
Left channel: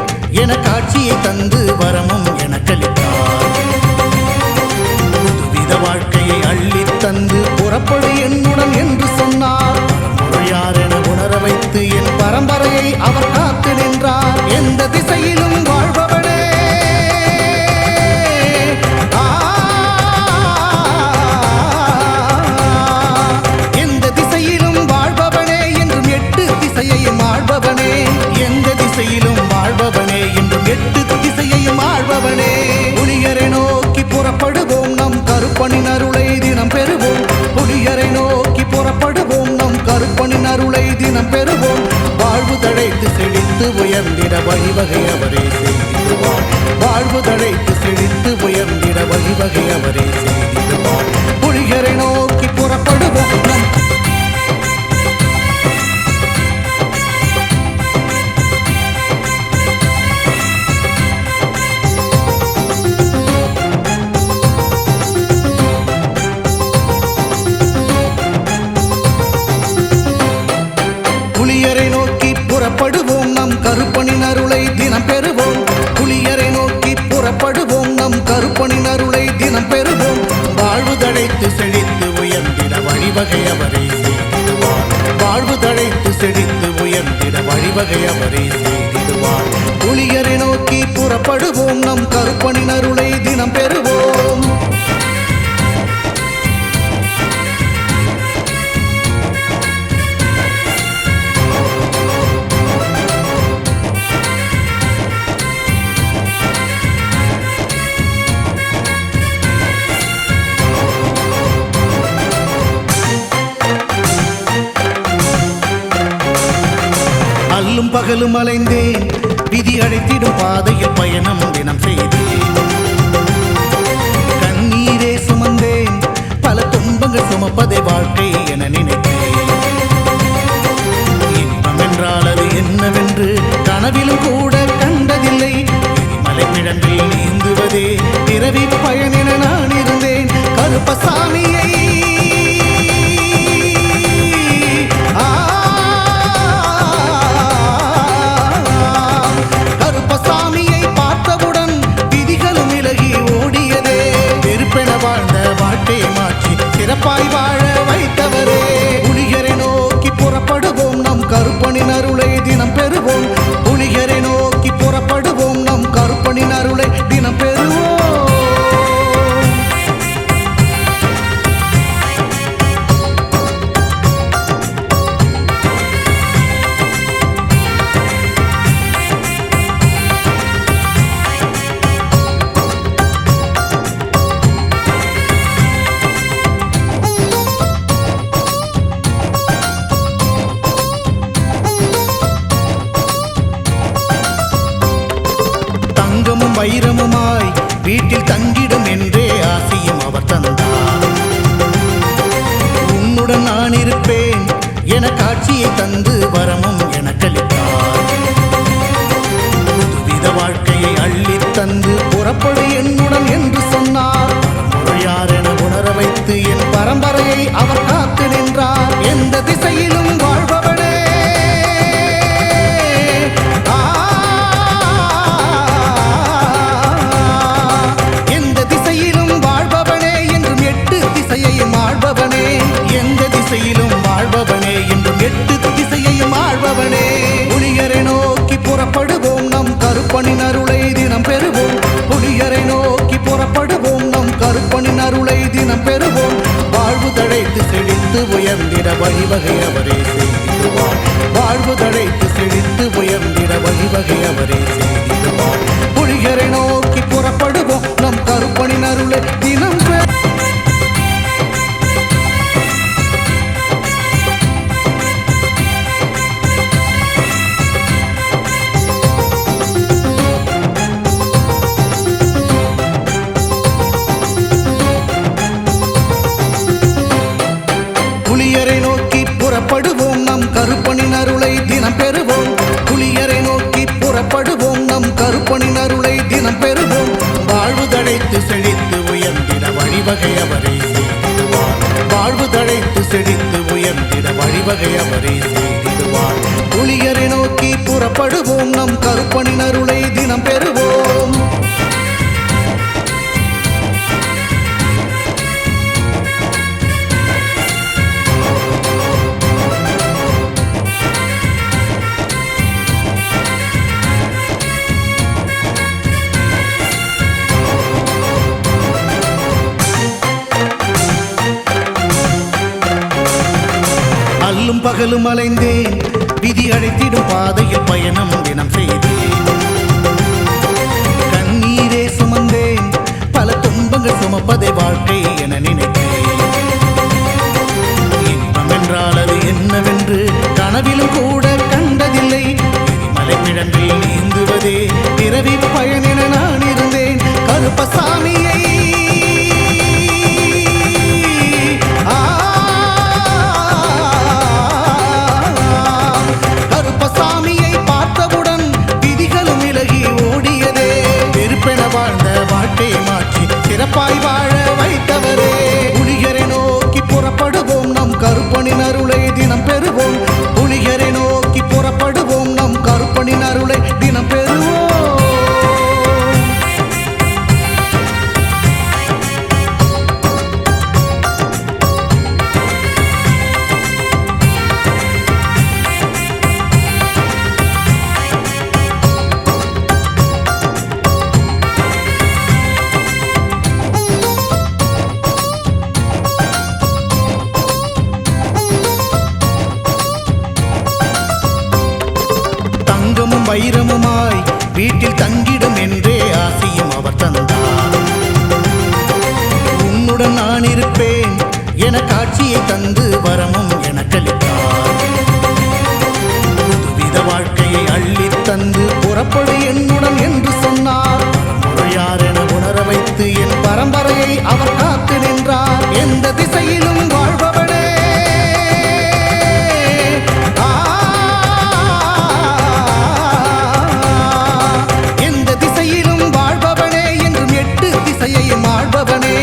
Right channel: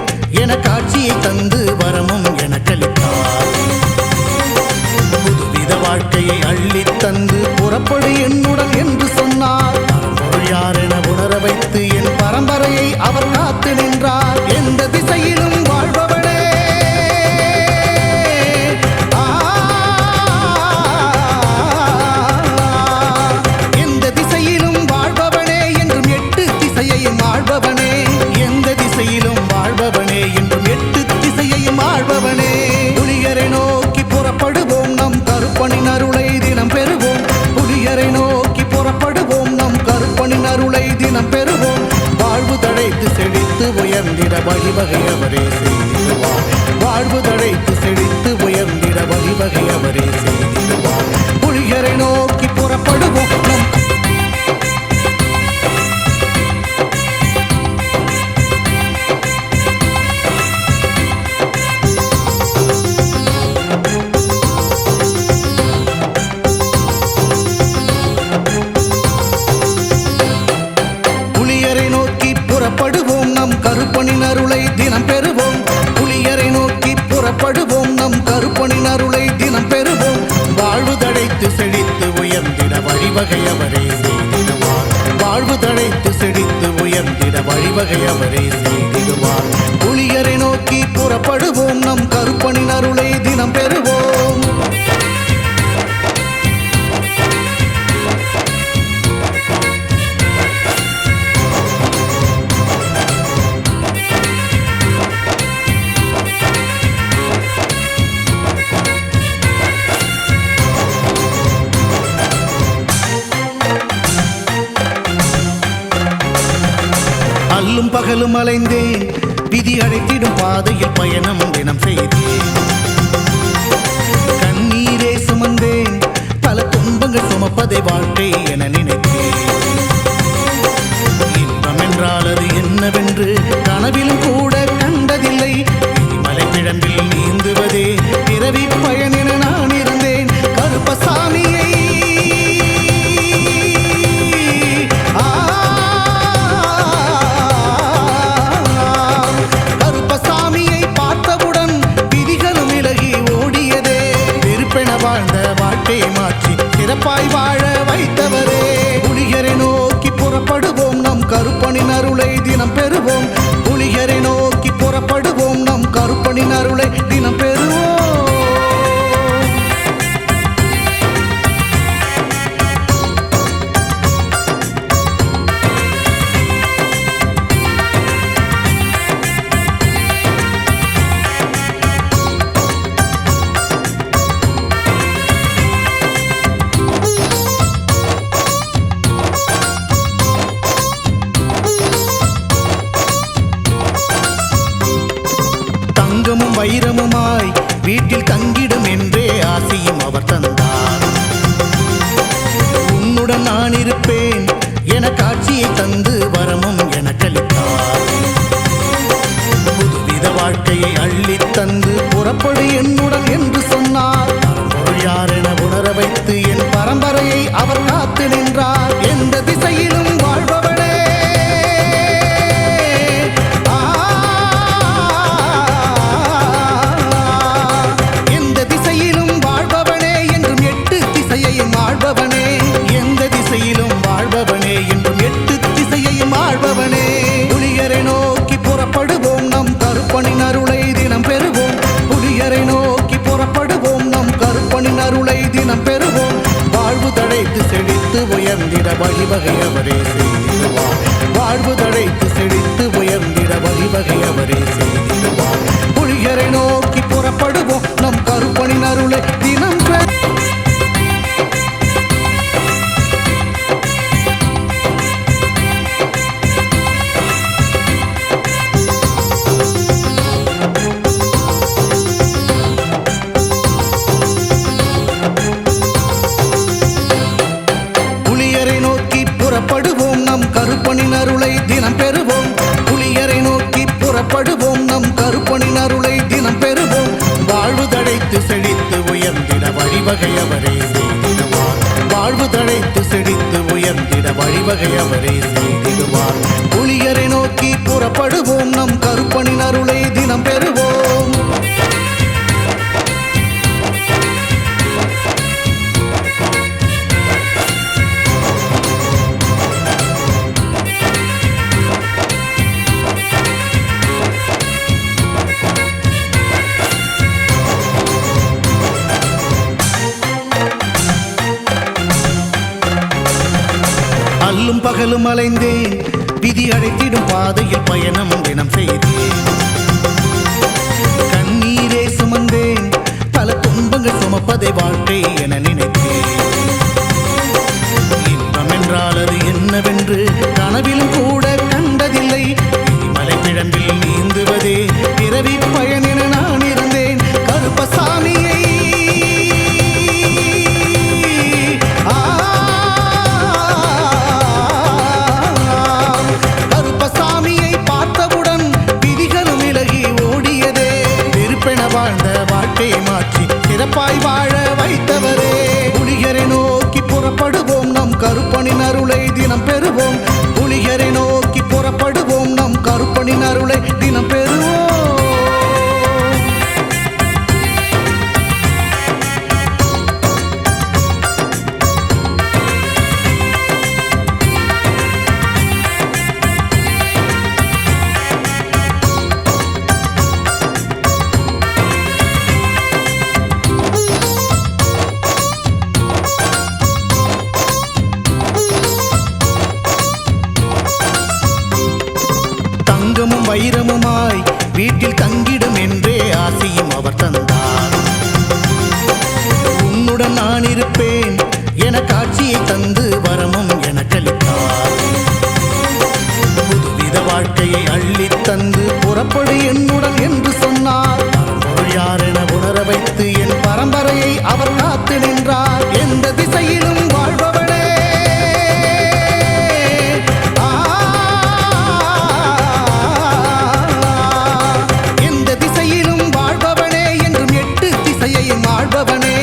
என காட்சியை தந்து வரமும் எனக்களித்தார். புதுவித வாழ்க்கையை அள்ளித் தந்து புறப்படு என்னுடன் என்று சொன்னார். பரம்பொருள் யார் என உணர வைத்து என் பரம்பரையை அவர் காத்து நின்றார். எந்த திசையிலும் வாழ்பவனே, எந்த திசையிலும் வாழ்பவனே என்றும் எட்டு திசையையும் ஆள்பவனே. எந்த திசையிலும் வாழ்பவனே என்றும் எட்டு திசையையும் ஆள்பவனே. புலியரை நோக்கி புறப்படுவோம், நம் கருப்பனின் அருளை தினம் பெறுவோம். புலியரை நோக்கி புறப்படுவோம், நம் கருப்பனின் அருளை தினம் பெறுவோம். வாழ்வு தழைத்து செழித்து உயர்ந்திட வழிவகை அவரே செய்திடுவார். வாழ்வு தழைத்து செழித்து உயர்ந்திட வழிவகை அவரே செய்திடுவார். புலியரை நோக்கி புறப்படுவோம், நம் புலியரை நோக்கி புறப்படுவோம், நம் கருப்பனின் அருளை தினம் பெறுவோம். புலியரை நோக்கி புறப்படுவோம், நம் கருப்பனின் அருளை தினம் பெறுவோம். வாழ்வு தழைத்து செழித்து உயர்ந்திட வழிவகை அவரே செய்திடுவார். வாழ்வு தழைத்து செழித்து உயர்ந்திட வழிவகை அவரே செய்திடுவார். புலியரை நோக்கி புறப்படுவோம், நம் கருப்பனின் அருளை தினம் பெறுவோம். அல்லும் பகலும் அலைந்தேன், விதி அழைத்திடும் பாதையில் பயணம் தினம் செய்தேன். கண்ணீரே சுமந்தேன், பல துன்பங்கள் சுமப்பதை வாழ்க்கை என நினைத்தேன். இன்பம் என்றால் அது என்னவென்று கனவிலும் கூட கண்டதில்லை. எரிமலை பிழம்பில் நீந்துவதே பிறவி பயன் என நான் இருந்தேன். கருப்பசாமியை கருப்பசாமியை பார்த்தவுடன் விதிகளும் விலகி ஓடியதே. வெறுப்பென வாழ்ந்த வாழ்க்கையை மாற்றி சிறப்பாய் வாழ வைத்தவரே. புலியரை நோக்கி புறப்படுவோம், நம் கருப்பனின் அருளை தினம் பெறுவோம். புலியரை நோக்கி புறப்படுவோம், நம் கருப்பனின் அருளை தினம் பெறுவோம். தங்கமும் வைரமுமாய் வீட்டில் தங்கிடும் என்றே ஆசையும் அவர் தந்தார். உன்னுடன் நான் இருப்பேன் என காட்சியை தந்து வரமும் எனக்களித்தார். புதுவித வாழ்க்கையை அள்ளித் தந்து புறப்படு என்னுடன் என்று சொன்னார். பரம்பொருள் யார் என உணர வைத்து என் பரம்பரையை அவர் காத்து நின்றார். எந்த திசையிலும் வாழ்பவனே, திசையிலும் வாழ்பவனே என்றும் எட்டு திசையையும் ஆள்பவனே. எந்த திசையிலும் வாழ்பவனே என்றும் எட்டு திசையையும் ஆள்பவனே. புலியரை நோக்கி புறப்படுவோம், நம் கருப்பனின் அருளை தினம் பெறுவோம். புலியரை நோக்கி புறப்படுவோம், நம் கருப்பனின் அருளை தினம் பெறுவோம். வாழ்வு தழைத்து செழித்து உயர்ந்திட வழிவகை அவரே செய்திடுவார். வாழ்வு தழைத்து செழித்து உயர்ந்திட வழிவகை அவரே செய்திடுவார். புலியரை நோக்கி புறப்படுவோம், நம் கருப்பனின் அருளை தினம் பெற புலியரை நோக்கி புறப்படுவோம், நம் கருப்பனின் அருளை தினம் பெறுவோம். புலியரை நோக்கி புறப்படுவோம், நம் கருப்பனின் அருளை தினம் பெறுவோம். வாழ்வு தழைத்து செழித்து உயர்ந்திட வழிவகை அவரே செய்திடுவார். வாழ்வு தழைத்து செழித்து உயர்ந்திட வழிவகை அவரே செய்திடுவார். புலியரை நோக்கி புறப்படுவோம், நம் கருப்பனின் அருளை தினம் பெறுவோம். அல்லும் பகலும் அலைந்தேன், விதி அழைத்திடும் பாதையில் பயணம் தினம் செய்தேன். கண்ணீரே சுமந்தேன், பல துன்பங்கள் சுமப்பதை வாழ்க்கை என நினைத்தேன். இன்பம் என்றால் அது என்னவென்று கனவிலும் கூட கண்டதில்லை. எரிமலை பிழம்பில் நீந்துவதே பிறவி பயன் என நான் இருந்தேன். கருப்பசாமியை கருப்பசாமியை பார்த்தவுடன் விதிகளும் விலகி ஓடியதே. வெறுப்பென வாழ்ந்த வாழ்க்கையை மாற்றி சிறப்பாய் வாழ வைத்தவரே. புலிகரை நோக்கி புறப்படுவோம், நம் கருப்பனின் அருளை தினம் பெறுவோம். புலிகரை நோக்கி புறப்படுவோம், நம் கருப்பனின் அருளை தினம் பெறுவோம். தங்கமும் வைரமுமாய் வீட்டில் தங்கிடும் என்றே ஆசையும் அவர் தந்தார். உன்னுடன் நான் இருப்பேன் என காட்சியை தந்து வரமும் எனக்களித்தார். புதுவித வாழ்க்கையை அள்ளித் தந்து புறப்படு என்னுடன் என்று சொன்னார். பரம்பொருள் யார் என உணர வைத்து என் பரம்பரையை அவர் காத்து நின்றார். எந்த திசையிலும் வாழ்பவனே, திசையிலும் வாழ்பவனே என்றும் எட்டு திசையையும் ஆள்பவனே.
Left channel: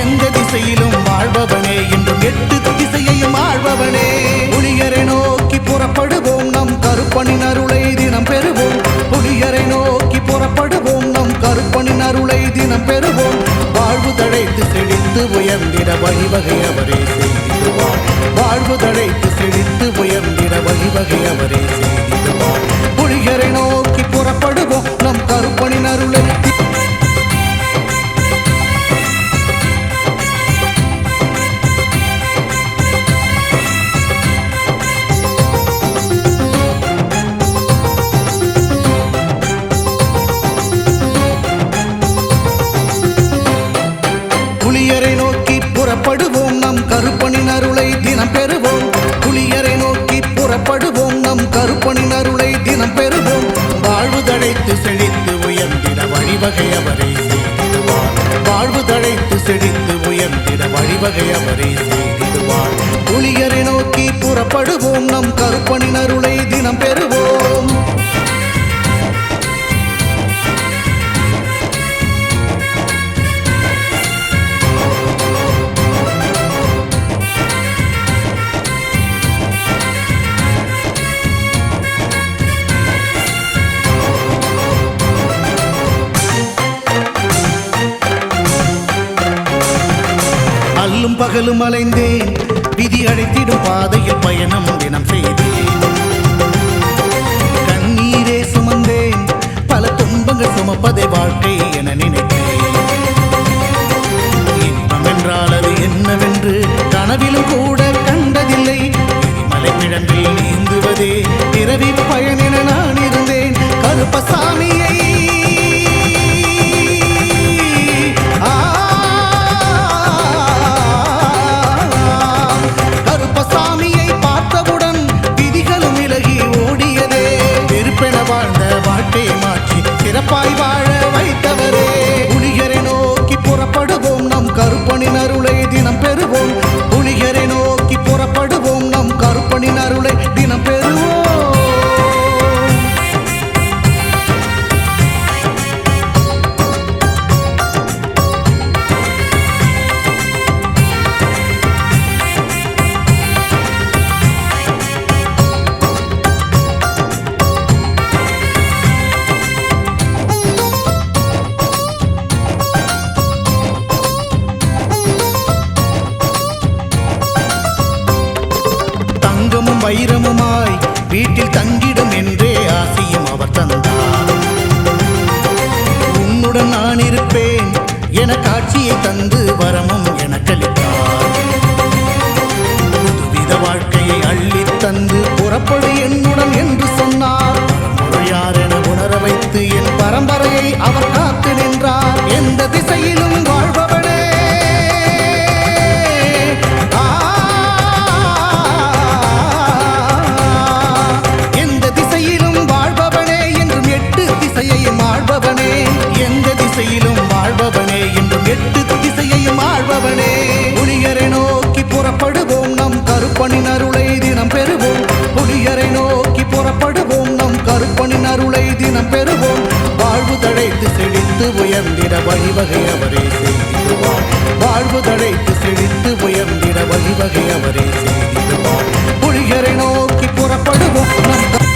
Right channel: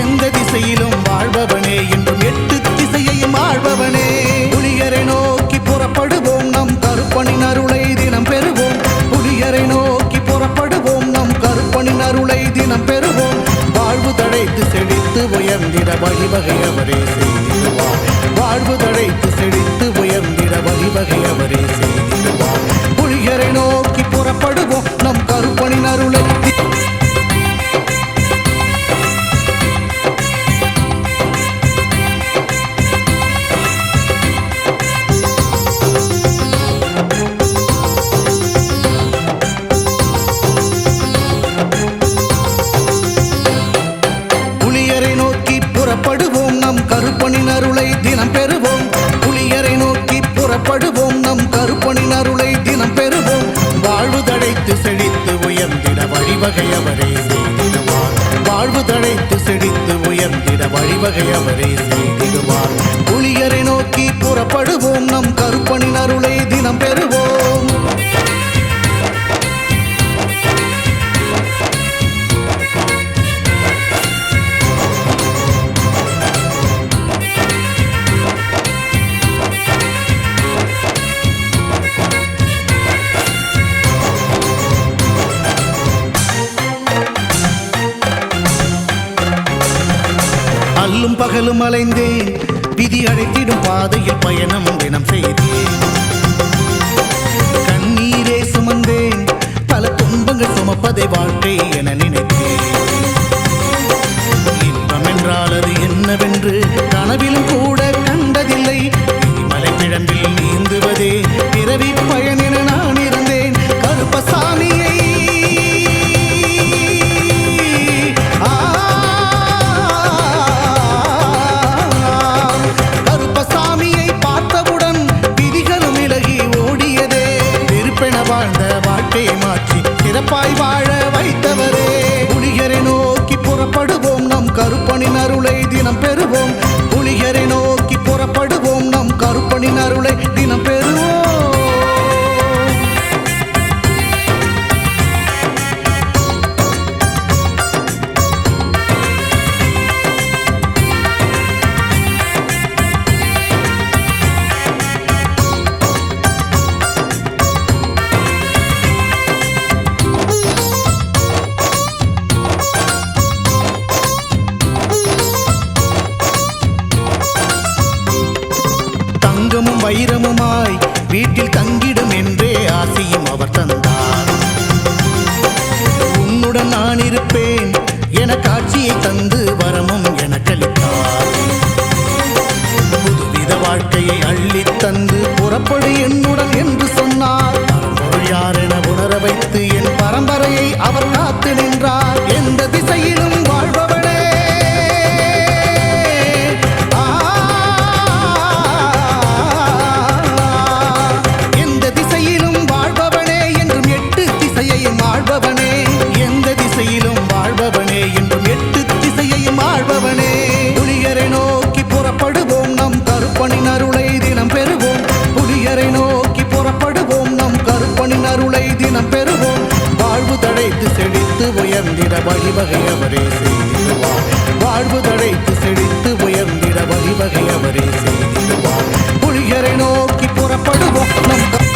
எந்த திசையிலும் வாழ்பவனே என்றும் எட்டு திசையையும் ஆள்பவனே. புலிகரை நோக்கி புறப்படுவோம், நம் கருப்பனின் அருளை தினம் பெறுவோம். புலிகரை நோக்கி புறப்படுவோம், நம் கருப்பனின் அருளை தினம் பெறுவோம். வாழ்வு தழைத்து செழித்து உயர்ந்திட வழிவகை அவரே செய்திடுவார். வாழ்வு தழைத்து செழித்து உயர்ந்திட வழிவகை அவரே செய்திடுவார். புலிகரை நோக்கி புறப்படுவோம், நம் கருப்பனின் அருளை புலியரை நோக்கி புறப்படுவோம், நம் கருப்பனின் அருளை தினம் பெறுவோம். புலியரை நோக்கி புறப்படுவோம், நம் கருப்பனின் அருளை தினம் பெறுவோம். வாழ்வு தழைத்து செழித்து உயர்ந்திட வழிவகை அவரே செய்திடுவார். வாழ்வு தழைத்து செழித்து உயர்ந்திட வழிவகை அவரே செய்திடுவார். புலியரை நோக்கி புறப்படுவோம், நம் கருப்பனின் அருளை தினம் பெறுவோம். அல்லும் பகலும் அலைந்தேன், விதி அழைத்திடும் பாதையில் பயணம் தினம் செய்தேன். கண்ணீரே சுமந்தேன், பல துன்பங்கள் சுமப்பதை வாழ்க்கை என நினைத்தேன். இன்பம் என்றால் அது என்னவென்று கனவிலும் கூட கண்டதில்லை. எரிமலை பிழம்பில் நீந்துவதே பிறவி பயன் என நான் இருந்தேன். கருப்பசாமியை கருப்பசாமியை பார்த்தவுடன் விதிகளும் விலகி ஓடியதே. வெறுப்பென வாழ்ந்த வாழ்க்கையை மாற்றி சிறப்பாய் வாழ வைத்தவரே. புலிகரை நோக்கி புறப்படுவோம், நம் கருப்பனின் அருளை தினம் பெறுவோம். புலிகரை நோக்கி புறப்படுவோம், நம் கருப்பனின் அருளை தினம் பெறுவோம். தங்கமும் வைரமுமாய் வீட்டில் தங்கிடும் என்றே ஆசையும் அவர் தந்தார். உன்னுடன் நான் இருப்பேன் என காட்சியை தந்து வரமும் எனக்களித்தார். புதுவித வாழ்க்கையை அள்ளித் தந்து புறப்படு என்னுடன் என்று சொன்னார். பரம்பொருள் யார் என உணர வைத்து என் பரம்பரையை அவர் காத்து நின்றார். எந்த திசையிலும் வாழ்பவனே, எந்த திசையிலும் வாழ்பவனே என்றும் எட்டு திசையையும் ஆள்பவனே. எந்த திசையிலும் வாழ்பவனே என்றும் எட்டு திசையையும் ஆள்பவனே. புலியரை நோக்கி புறப்படுவோம், நம் கருப்பனின் அருளை தினம் பெறுவோம். புலியரை நோக்கி புறப்படுவோம், நம் கருப்பனின் அருளை தினம் பெறுவோம். வாழ்வு தழைத்து செழித்து உயர்ந்திட வழிவகை அவரே செய்திடுவார். வாழ்வு தழைத்து செழித்து உயர்ந்திட வழிவகை அவரே செய்திடுவார். புலியரை நோக்கி புறப்படுவோம், நம்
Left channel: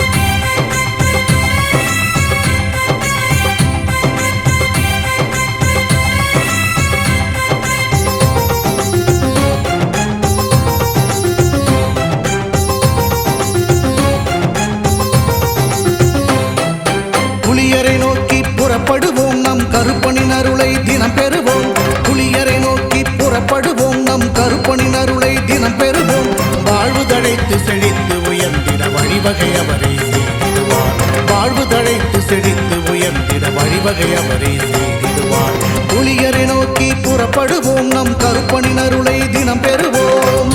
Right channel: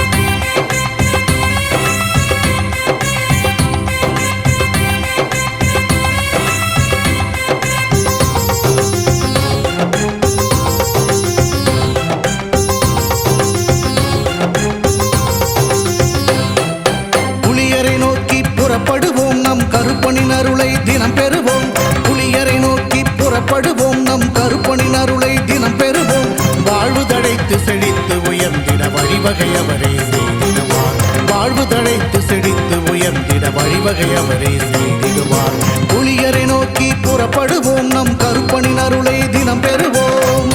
புலியரை நோக்கி புறப்படுவோம், நம் கருப்பனின் அருளை தினம் பெறுவோம். புலியரை நோக்கி புறப்படுவோம், நம் கருப்பனின் அருளை தினம் பெறுவோம். வாழ்வு தழைத்து செழித்து உயர்ந்திட வழிவகை அவரே செய்திடுவார். வாழ்வு தழைத்து செழித்து உயர்ந்திட வழிவகை அவரே செய்திடுவார். புலியரை நோக்கி புறப்படுவோம், நம் கருப்பனின் அருளை தினம் பெறுவோம்.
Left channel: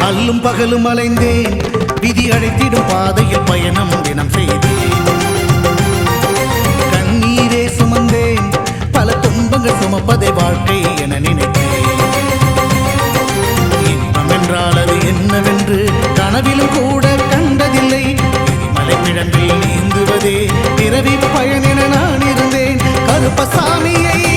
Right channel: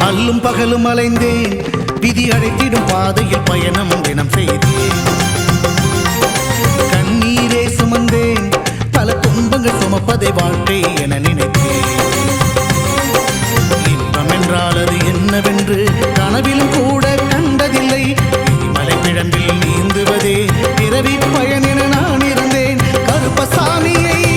அல்லும் பகலும் அலைந்தேன், விதி அழைத்திடும் பாதையில் பயணம் தினம் செய்தேன். கண்ணீரே சுமந்தேன், பல துன்பங்கள் சுமப்பதை வாழ்க்கை என நினைத்தேன். இன்பம் என்றால் அது என்னவென்று கனவிலும் கூட கண்டதில்லை. எரிமலை பிழம்பில் நீந்துவதே பிறவி பயன் என நான் இருந்தேன். கருப்பசாமியை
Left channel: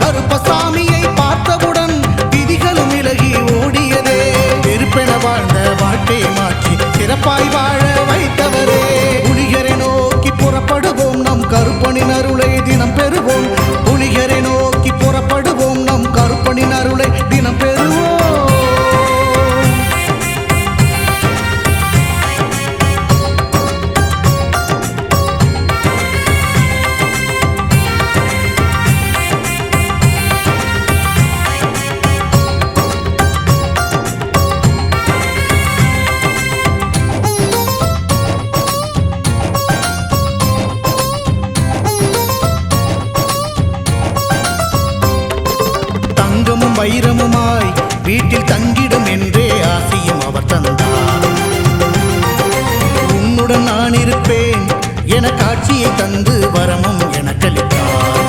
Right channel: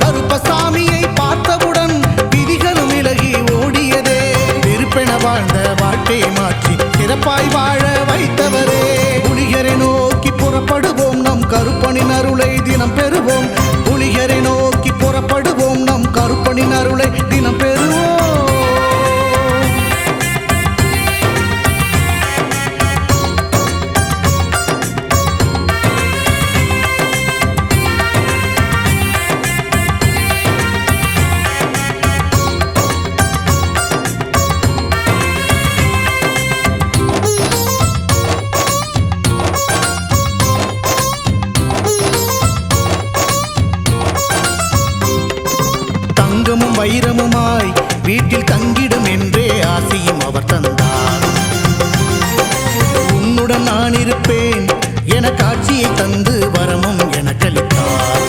கருப்பசாமியை பார்த்தவுடன் விதிகளும் விலகி ஓடியதே. வெறுப்பென வாழ்ந்த வாழ்க்கையை மாற்றி சிறப்பாய் வாழ வைத்தவரே. புலியரை நோக்கி புறப்படுவோம், நம் கருப்பனின் அருளை தினம் பெறுவோம். புலியரை நோக்கி புறப்படுவோம், நம் கருப்பனின் அருளை தினம் பெறுவோம். தங்கமும் வைரமுமாய் வீட்டில் தங்கிடும் என்றே ஆசியும் அவர் தந்தார். உன்னுடன் நான் இருப்பேன் என காட்சியை தந்து வரமும் எனக்களித்தார்.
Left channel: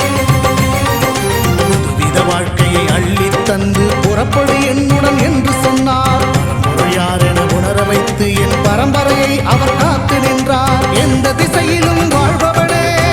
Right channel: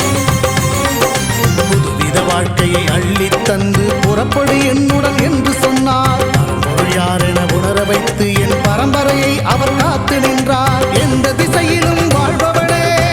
புதுவித வாழ்க்கையை அள்ளித் தந்து புறப்படு என்னுடன் என்று சொன்னார். பரம்பொருள் யார் என உணர வைத்து என் பரம்பரையை அவர் காத்து நின்றார். எந்த திசையிலும் வாழ்பவனே,